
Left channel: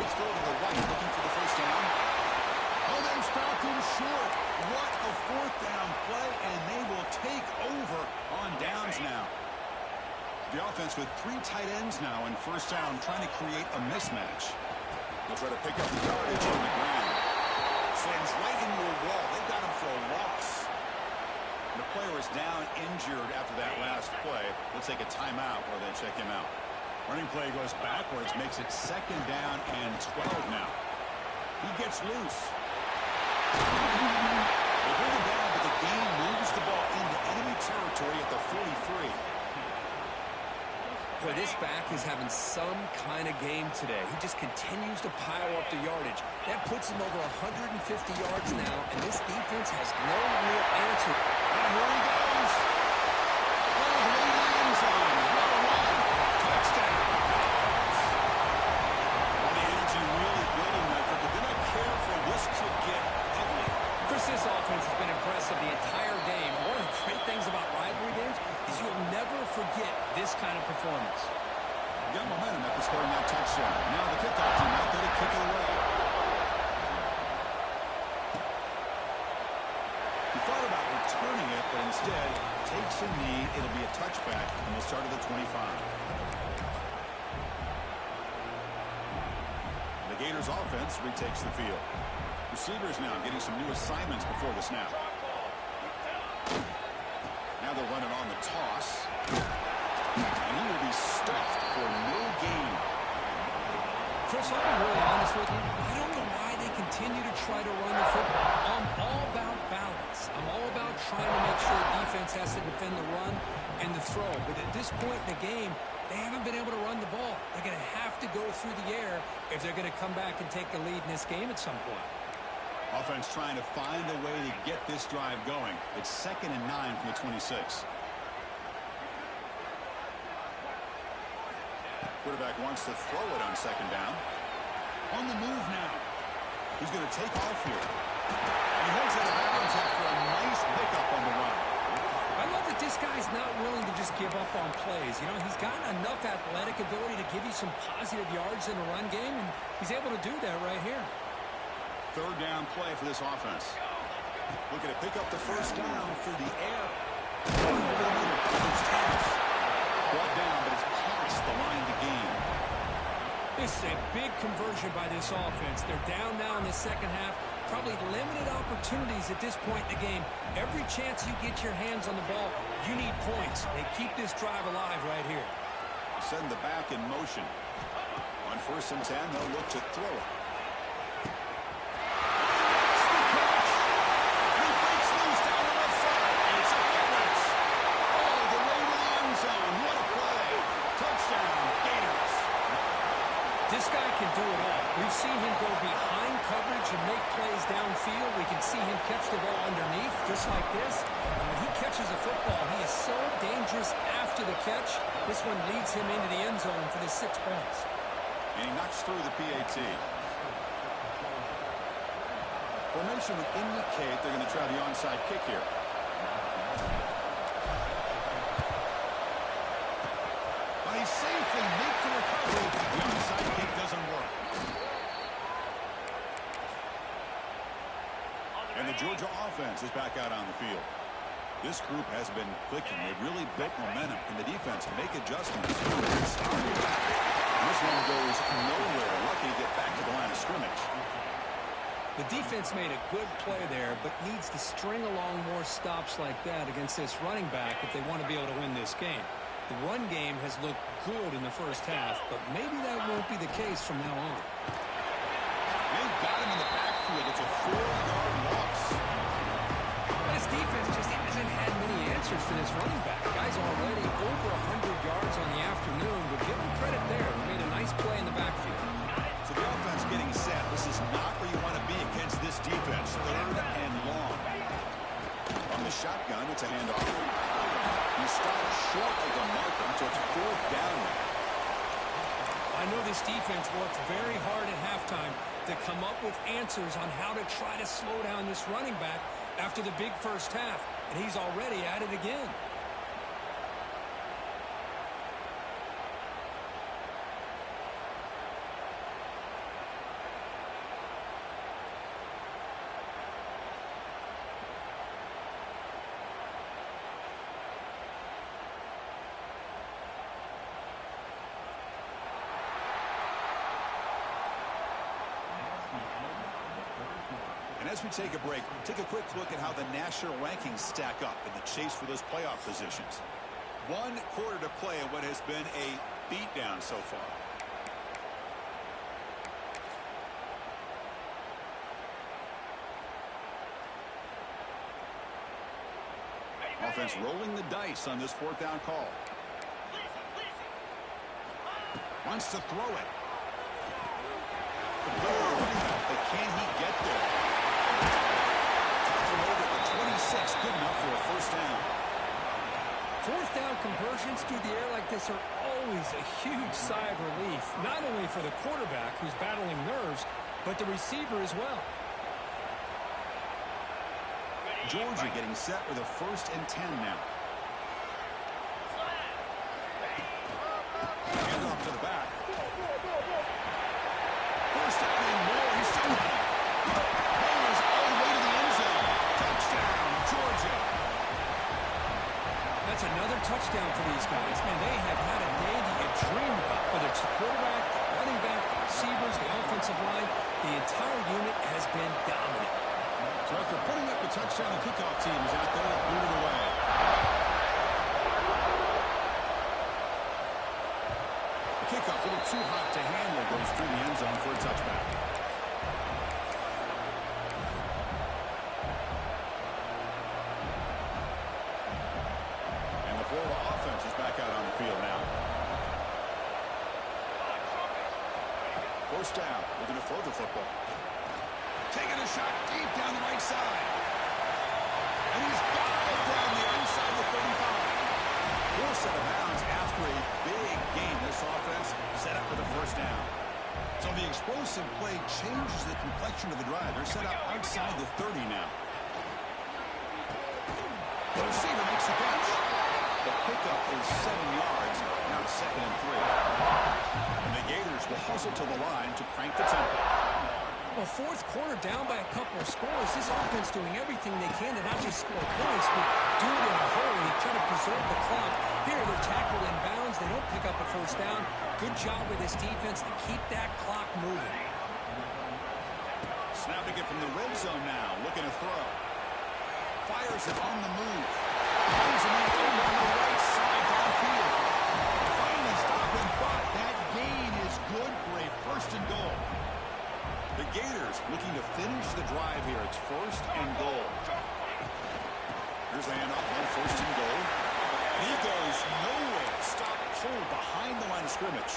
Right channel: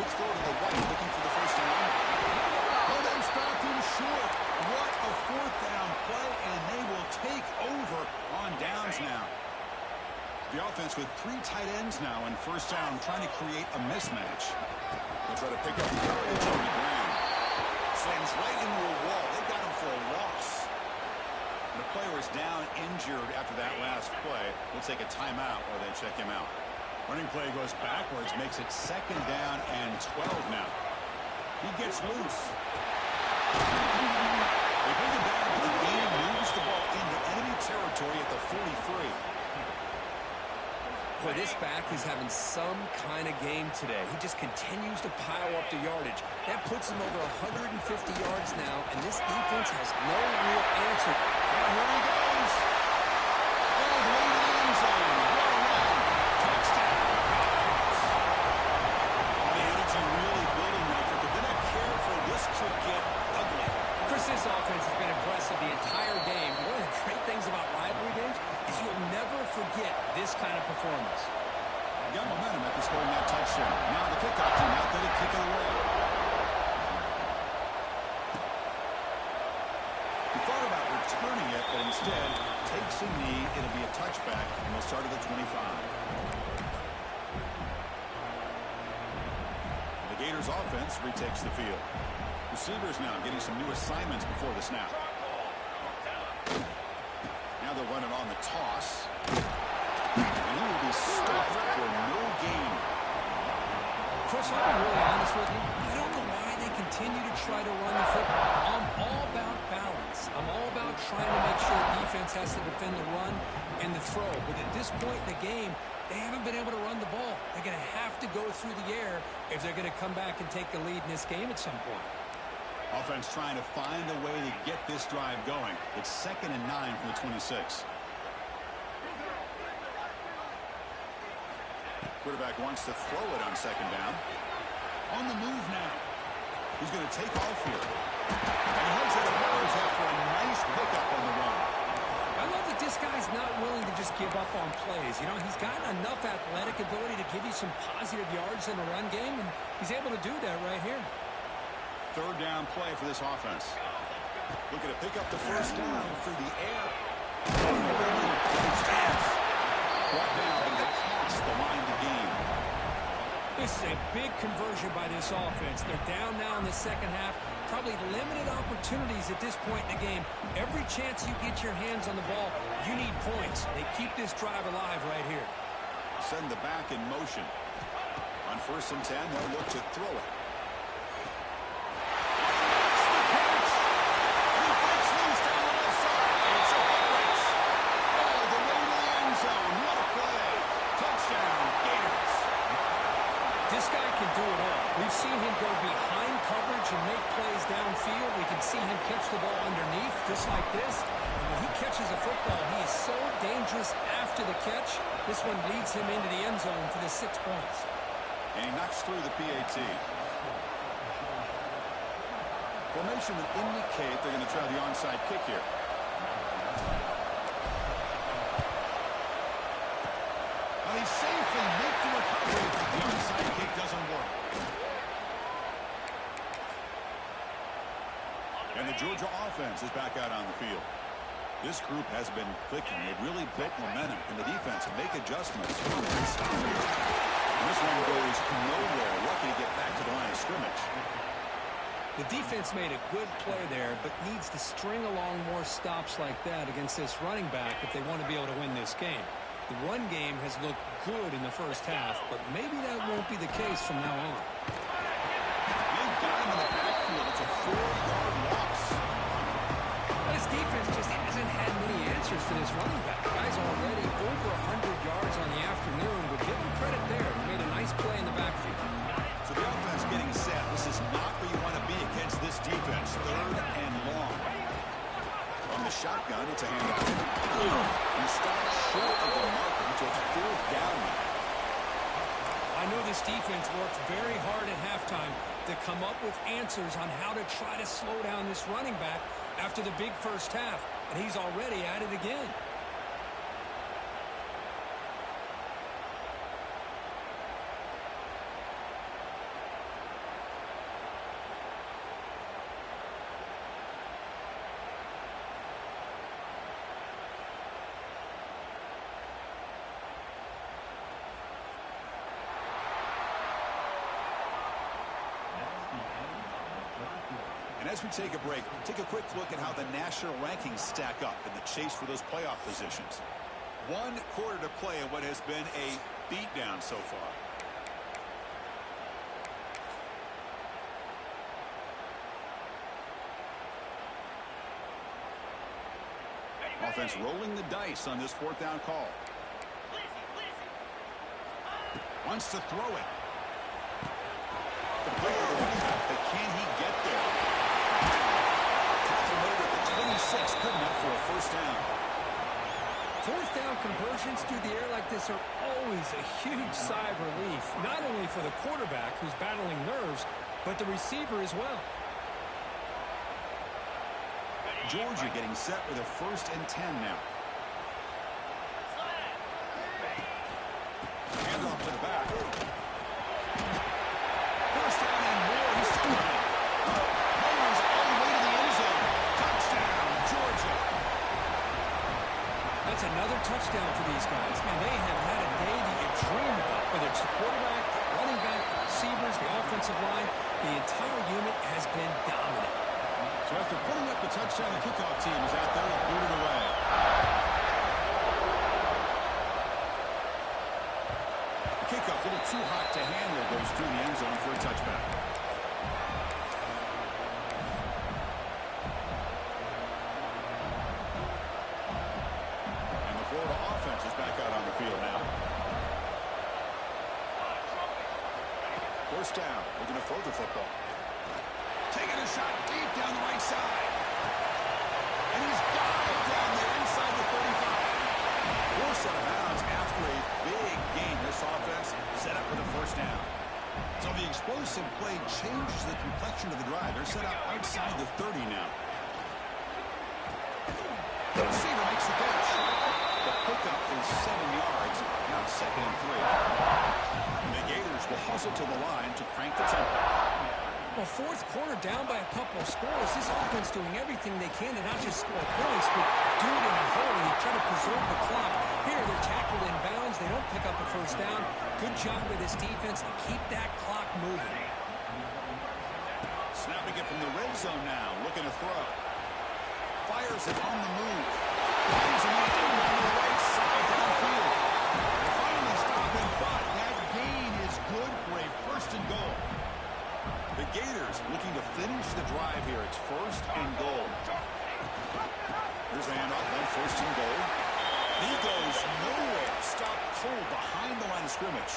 Let's throw to the right, looking for the first down. Oh, they stopped him short. What a fourth down play, and they will take over on downs now. The offense with 3 tight ends now in first down, trying to create a mismatch. They'll try to pick up the yardage on the ground. Slams right into a wall. They got him for a loss. And the player is down injured after that last play. We'll take a timeout while they check him out. Running play goes backwards, makes it second down and 12 now. He gets loose. They bring him down, but the game moves the ball into enemy territory at the 43. Boy, this back is having some kind of game today. He just continues to pile up the yardage. That puts him over 150 yards now, and this defense has no real answer. And here he goes. Goes right in the end zone. What a run. Touchdown. Well, the energy really building, Nitro, but they're not careful. This could get ugly. Chris, this offense has been impressive the entire game. One of the great things about rivalry games is you'll never forget this kind of performance. Got momentum after scoring that touchdown. Now the kickoff team out there to kick it away. He thought about returning it, but instead takes a knee. It'll be a touchback, and they'll start at the 25. The Gators offense retakes the field. Receivers now getting some new assignments before the snap. Now they'll run it on the toss. And he will be stuffed for no gain. Chris, I'll be really honest with you. I don't know why they continue to try to run the football. I'm all about balance. I'm all about trying to make sure defense has to defend the run and the throw. But at this point in the game, they haven't been able to run the ball. They're going to have to go through the air if they're going to come back and take the lead in this game at some point. Offense trying to find a way to get this drive going. It's 2nd and 9 from the 26. Quarterback wants to throw it on 2nd down. On the move now. He's going to take off here. And he heads out of bounds after a nice pickup on the run. I love that this guy's not willing to just give up on plays. You know, he's got enough athletic ability to give you some positive yards in the run game, and he's able to do that right here. 3rd down play for this offense. Looking to pick up the first down through the air. It's brought down, but it's past the line to gain. This is a big conversion by this offense. They're down now in the second half. Probably limited opportunities at this point in the game. Every chance you get your hands on the ball, you need points. They keep this drive alive right here. Send the back in motion. On 1st and 10, they'll look to throw it. This guy can do it all. We've seen him go behind coverage and make plays downfield. We can see him catch the ball underneath, just like this. And when he catches a football, he is so dangerous after the catch. This one leads him into the end zone for the 6 points. And he knocks through the PAT. Formation would indicate they're going to try the onside kick here. Georgia offense is back out on the field. This group has been clicking. They've really built momentum. Can the defense make adjustments? Stop here. And this one goes nowhere. Lucky to get back to the line of scrimmage. The defense made a good play there, but needs to string along more stops like that against this running back if they want to be able to win this game. The run game has looked good in the first half, but maybe that won't be the case from now on. They've got him in the backfield. It's a 4-yard loss. This defense just hasn't had many answers to this running back. The guy's already over 100 yards on the afternoon, but give him credit there. He made a nice play in the backfield. So the offense getting set. This is not where you want to be against this defense. 3rd and long. From the shotgun, it's a handoff. He stopped short of the marker, so it's 4th down. I know this defense worked very hard at halftime to come up with answers on how to try to slow down this running back after the big first half, and he's already at it again. And as we take a break, take a quick look at how the national rankings stack up in the chase for those playoff positions. 1 quarter to play in what has been a beatdown so far. Offense rolling the dice on this 4th down call. Wants to throw it. The player running back, but can he get there? Tackle made at the 26, good enough for a 1st down. 4th down conversions through the air like this are always a huge sigh of relief, not only for the quarterback who's battling nerves, but the receiver as well. Georgia getting set with a 1st and 10 now. Hand off to the back. 1st down and more. He's still running. Mowers all the way to the end zone. Touchdown, Georgia. That's another touchdown for these guys. Man, they have had a day that you dream about. Whether it's the quarterback, the running back, the receivers, the offensive line, the entire unit has been dominant. So after putting up the touchdown, the kickoff team is out there to boot it away. The kickoff, a little too hot to handle, goes through the end zone for a touchback. And the Florida offense is back out on the field now. 1st down, looking to throw the football. Taking a shot deep down the right side. And he's got it down there inside the 35. 4 set of bounds after a big game. This offense set up with a 1st down. So the explosive play changes the complexion of the drive. They're set up outside the 30 now. The receiver makes the catch. The pickup is 7 yards. Now it's 2nd and 3. And the Gators will hustle to the line to crank the tempo. Well, 4th quarter down by a couple of scores. This offense doing everything they can to not just score points, but do it in a hurry, try to preserve the clock. Here, they're tackled in bounds. They don't pick up a 1st down. Good job with this defense to keep that clock moving. Snapping it from the red zone now, looking to throw. Fires it on the move. Finds him on the right side downfield. They finally stop him, but that gain is good for a 1st and goal. The Gators looking to finish the drive here. It's 1st and goal. Here's the handoff on 1st and goal. He goes nowhere. Stop cold behind the line of scrimmage.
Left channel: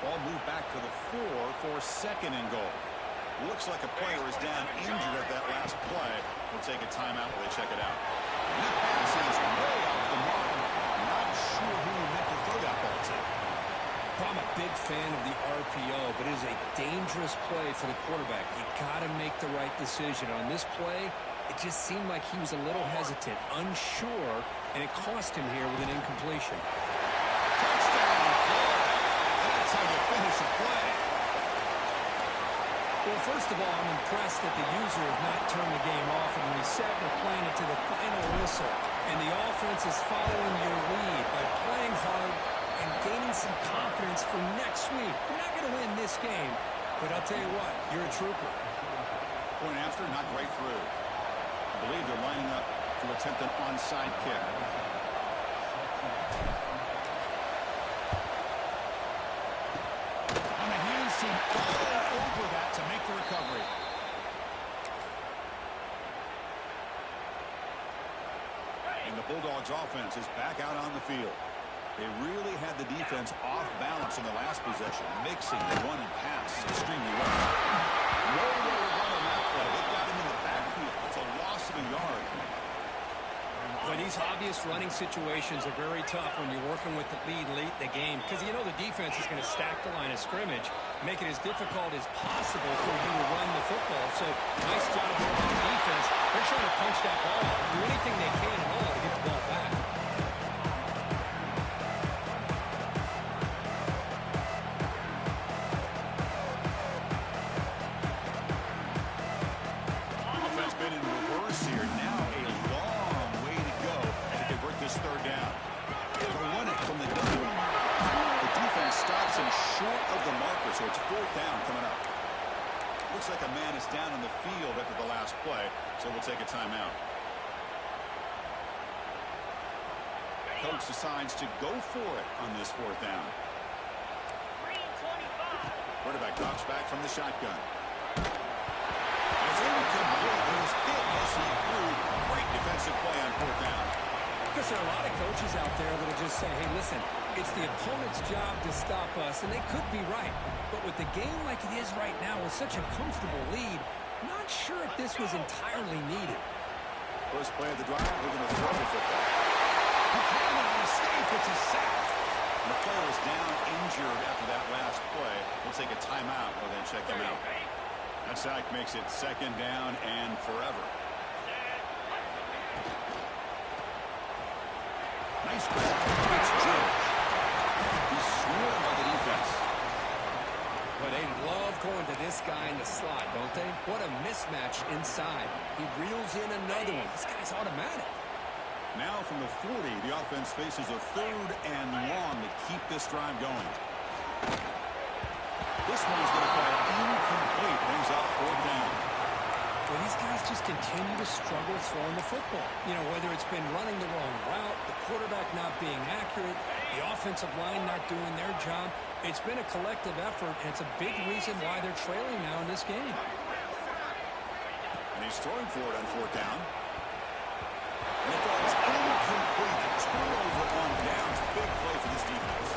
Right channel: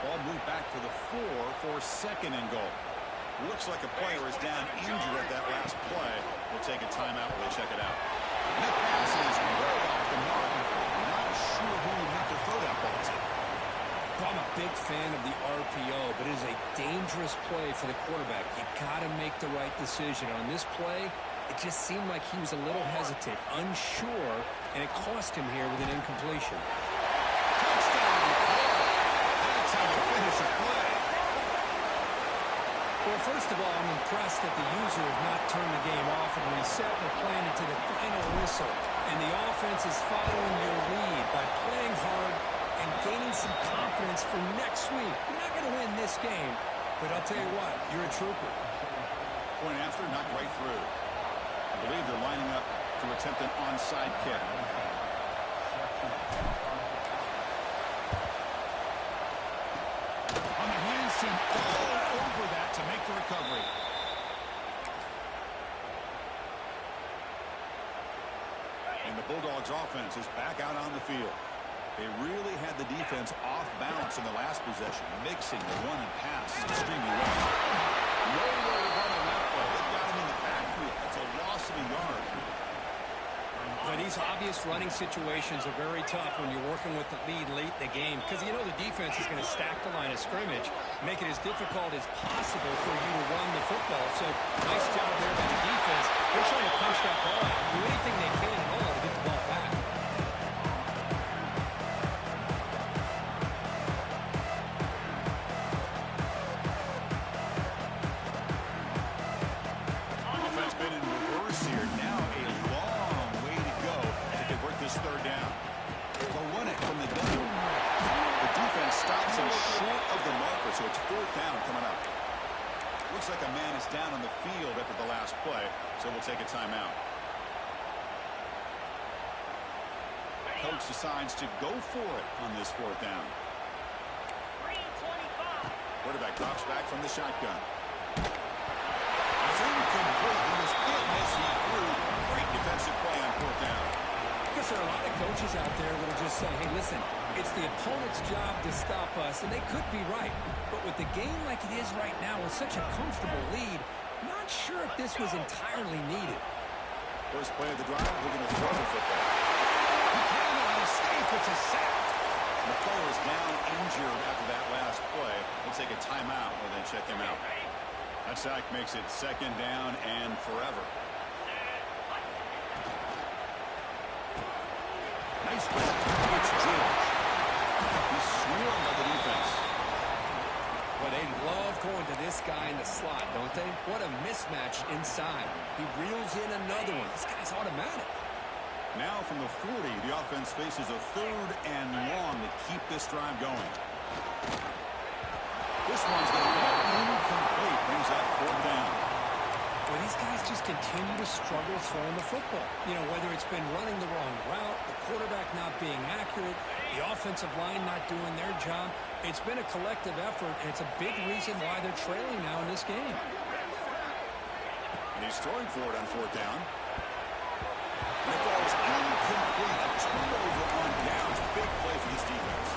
Ball moved back to the 4 for 2nd and goal. Looks like a player is down injured at that last play. We'll take a timeout while they check it out. And that pass is way off the mark. Not sure who he meant to throw that ball to. I'm a big fan of the RPO, but it is a dangerous play for the quarterback. You got to make the right decision. On this play, it just seemed like he was a little hesitant, unsure, and it cost him here with an incompletion. Touchdown, Florida. That's how you finish a play. Well, first of all, I'm impressed that the user has not turned the game off and reset and are playing it to the final whistle. And the offense is following your lead by playing hard and gaining some confidence for next week. We're not going to win this game, but I'll tell you what, you're a trooper. Point after, knocked right through. I believe they're lining up to attempt an onside kick. On the hands team, all over that to make the recovery. And the Bulldogs offense is back out on the field. They really had the defense off balance in the last possession, mixing the run and pass extremely well. Nowhere to run on that play. They've got him in the backfield. That's a loss of a yard. But these obvious running situations are very tough when you're working with the lead late in the game, because you know the defense is going to stack the line of scrimmage, make it as difficult as possible for you to run the football. So nice job there by the defense. They're trying to punch that ball out, do anything they can at all to get the ball back. Offense been in reverse here. Now a long way to go to convert this third down. They'll run it from the gun. The defense stops him short of the marker, so it's fourth down coming up. Looks like a man is down on the field after the last play, so we'll take a timeout. Coach decides to go for it on this fourth down. Quarterback drops back from the shotgun. It's incomplete. He was hit as he threw. Great defensive play on fourth down. Because there are a lot of coaches out there that will just say, hey, listen, it's the opponent's job to stop us, and they could be right. But with the game like it is right now with such a comfortable lead, not sure if this was entirely needed. First play of the drive, we're going to throw the football. Buchanan on a escape. It's a sack. The player is down injured after that last play. We'll take a timeout and then check him out. That sack makes it second down and forever. Nice grab. It's George. He's swarmed by the defense. Well, they love going to this guy in the slot, don't they? What a mismatch inside. He reels in another one. This guy's automatic. Now from the 40, the offense faces a third and long to keep this drive going. This one's going to fall incomplete. Brings up fourth down. Well, these guys just continue to struggle throwing the football. You know, whether it's been running the wrong route, the quarterback not being accurate, the offensive line not doing their job. It's been a collective effort, and it's a big reason why they're trailing now in this game. And he's throwing for it on fourth down. And it falls incomplete. A turnover on downs. Big play for this defense.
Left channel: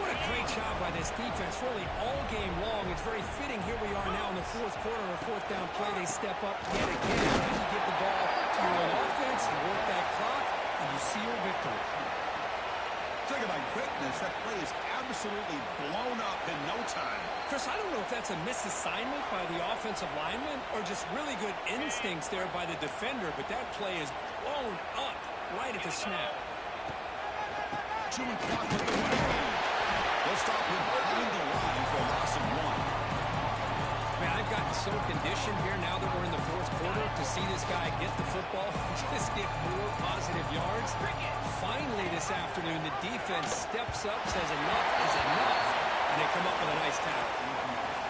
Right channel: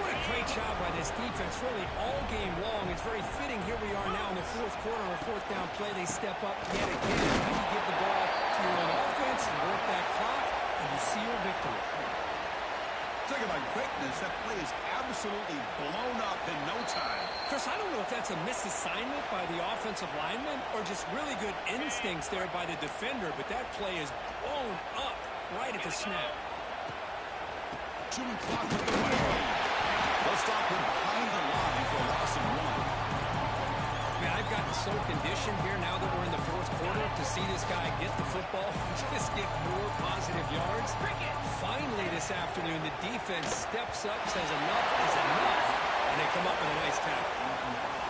What a great job by this defense, really all game long. It's very fitting. Here we are now in the fourth quarter, or fourth down play. They step up yet again. How you give the ball to your own offense, you work that clock, and you see your victory. Talk about quickness. That play is absolutely blown up in no time. Chris, I don't know if that's a misassignment by the offensive lineman or just really good instincts there by the defender, but that play is blown up right at the snap. Chewing clock with the way. They'll stop him behind the line for a loss of one. Man, I've gotten so conditioned here now that we're in the fourth quarter to see this guy get the football, just get more positive yards. Finally this afternoon, the defense steps up, says enough is enough, and they come up with a nice tackle.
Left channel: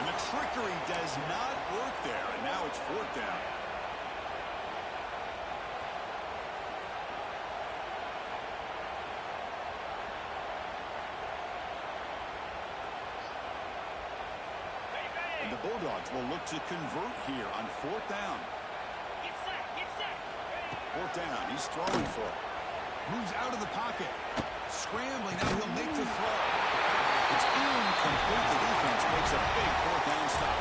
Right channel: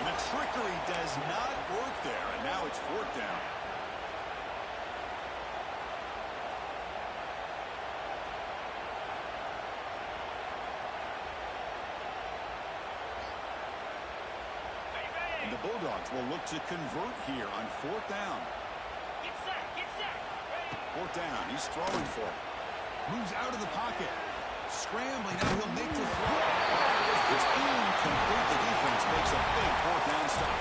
And the trickery does not work there, and now it's fourth down. And the Bulldogs will look to convert here on fourth down. Get set. Fourth down, he's throwing for it. Moves out of the pocket. Scrambling, now he'll make the throw. It's incomplete. The defense makes a big fourth down stop.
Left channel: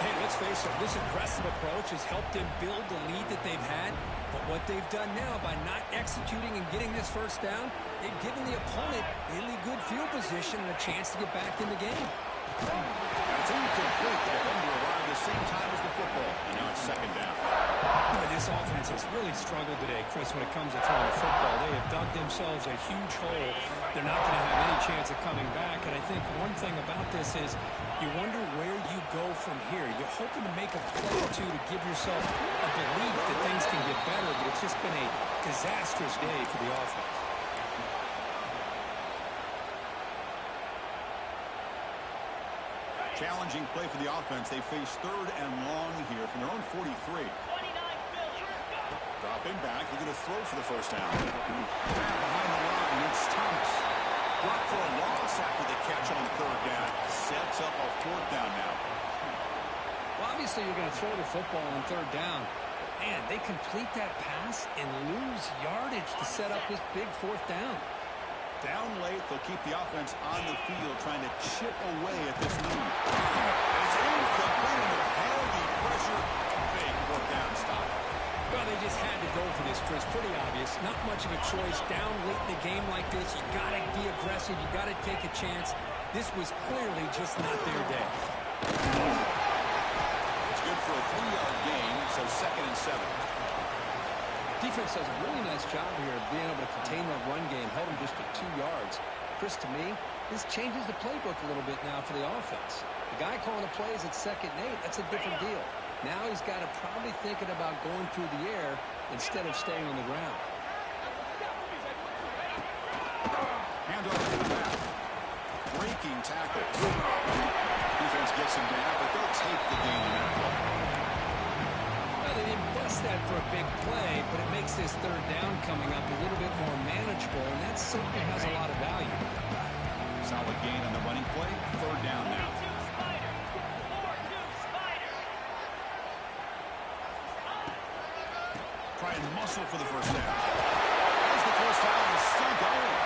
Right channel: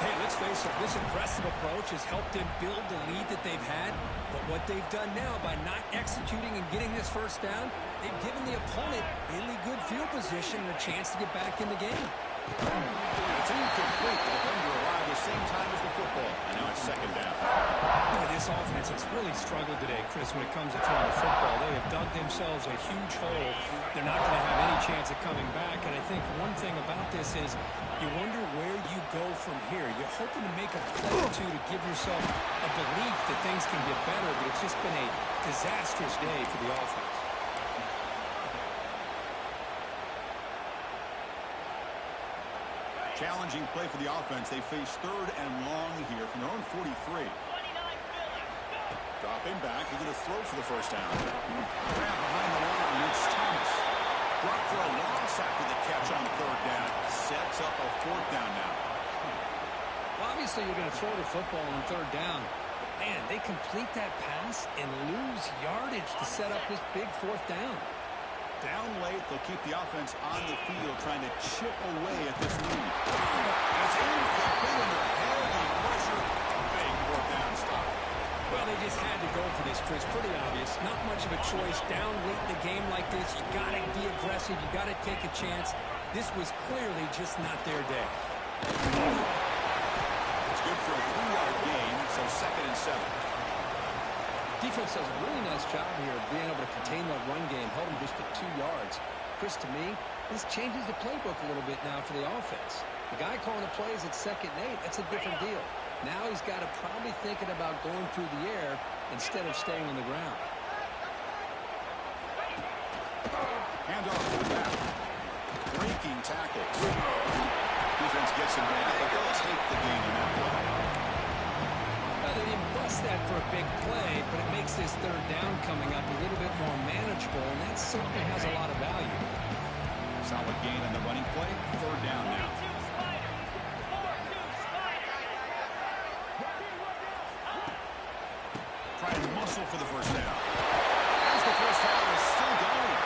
Hey, let's face it, this aggressive approach has helped them build the lead that they've had. But what they've done now by not executing and getting this first down, they've given the opponent really good field position and a chance to get back in the game. And it's incomplete. The defender arrived the same time as the football. And now it's second down. Boy, this offense has really struggled today, Chris, when it comes to throwing the football. They have dug themselves a huge hole. They're not going to have any chance of coming back. And I think one thing about this is you wonder where you go from here. You're hoping to make a play or two to give yourself a belief that things can get better, but it's just been a disastrous day for the offense. Challenging play for the offense. They face third and long here from their own 43. 29 Philly. Go. Dropping back. He's going to throw for the first down. Grab behind the line. It's Thomas. Drop for a loss after the catch on third down. Sets up a fourth down now. Well, obviously you're going to throw the football on third down. Man, they complete that pass and lose yardage to set up this big fourth down. Down late, they'll keep the offense on the field trying to chip away at this lead. And it's incomplete under heavy pressure. A big fourth down stop. Well, they just had to go for this, Chris. Pretty obvious. Not much of a choice. Down late in the game like this, you got to be aggressive. You got to take a chance. This was clearly just not their day. It's good for a 3-yard gain, so second and 7. Defense does a really nice job here of being able to contain that run game, held them just at 2 yards. Chris, to me, this changes the playbook a little bit now for the offense. The guy calling the plays at 2nd and 8, that's a different deal. Now he's got to probably thinking about going through the air instead of staying on the ground. Hand off to the back. Breaking tackles. Defense gets him down, but they'll take the gain in that play. Well, they didn't bust that for a big play, but it makes this third down coming up a little bit more manageable, and that certainly has a lot of value. Solid gain on the running play. Third down now. 42 Spider. 4-2 Spider. Try and muscle for the first down. As the first down is still going.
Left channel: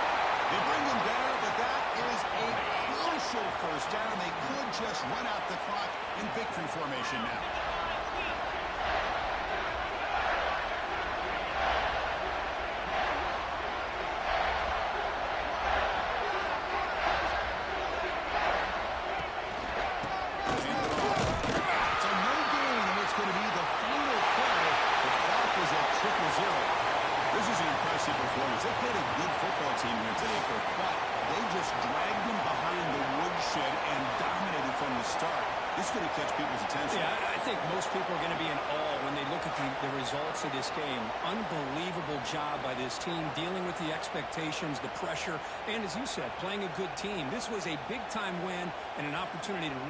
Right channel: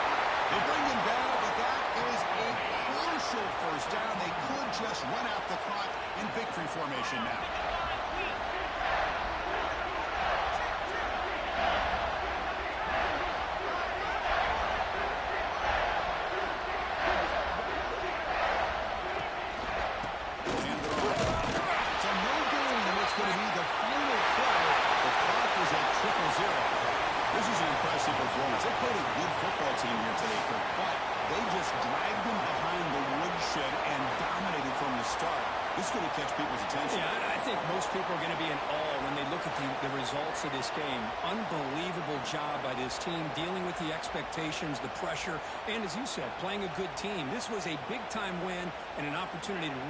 They bring him down, but that is a crucial first down. They could just run out the clock in victory formation now. This is an impressive performance. They played a good football team here today, Kirk, but they just dragged them behind the woodshed and dominated from the start. This is going to catch people's attention. Yeah, I think most people are going to be in awe when they look at the results of this game. Unbelievable job by this team, dealing with the expectations, the pressure, and as you said, playing a good team. This was a big-time win and an opportunity to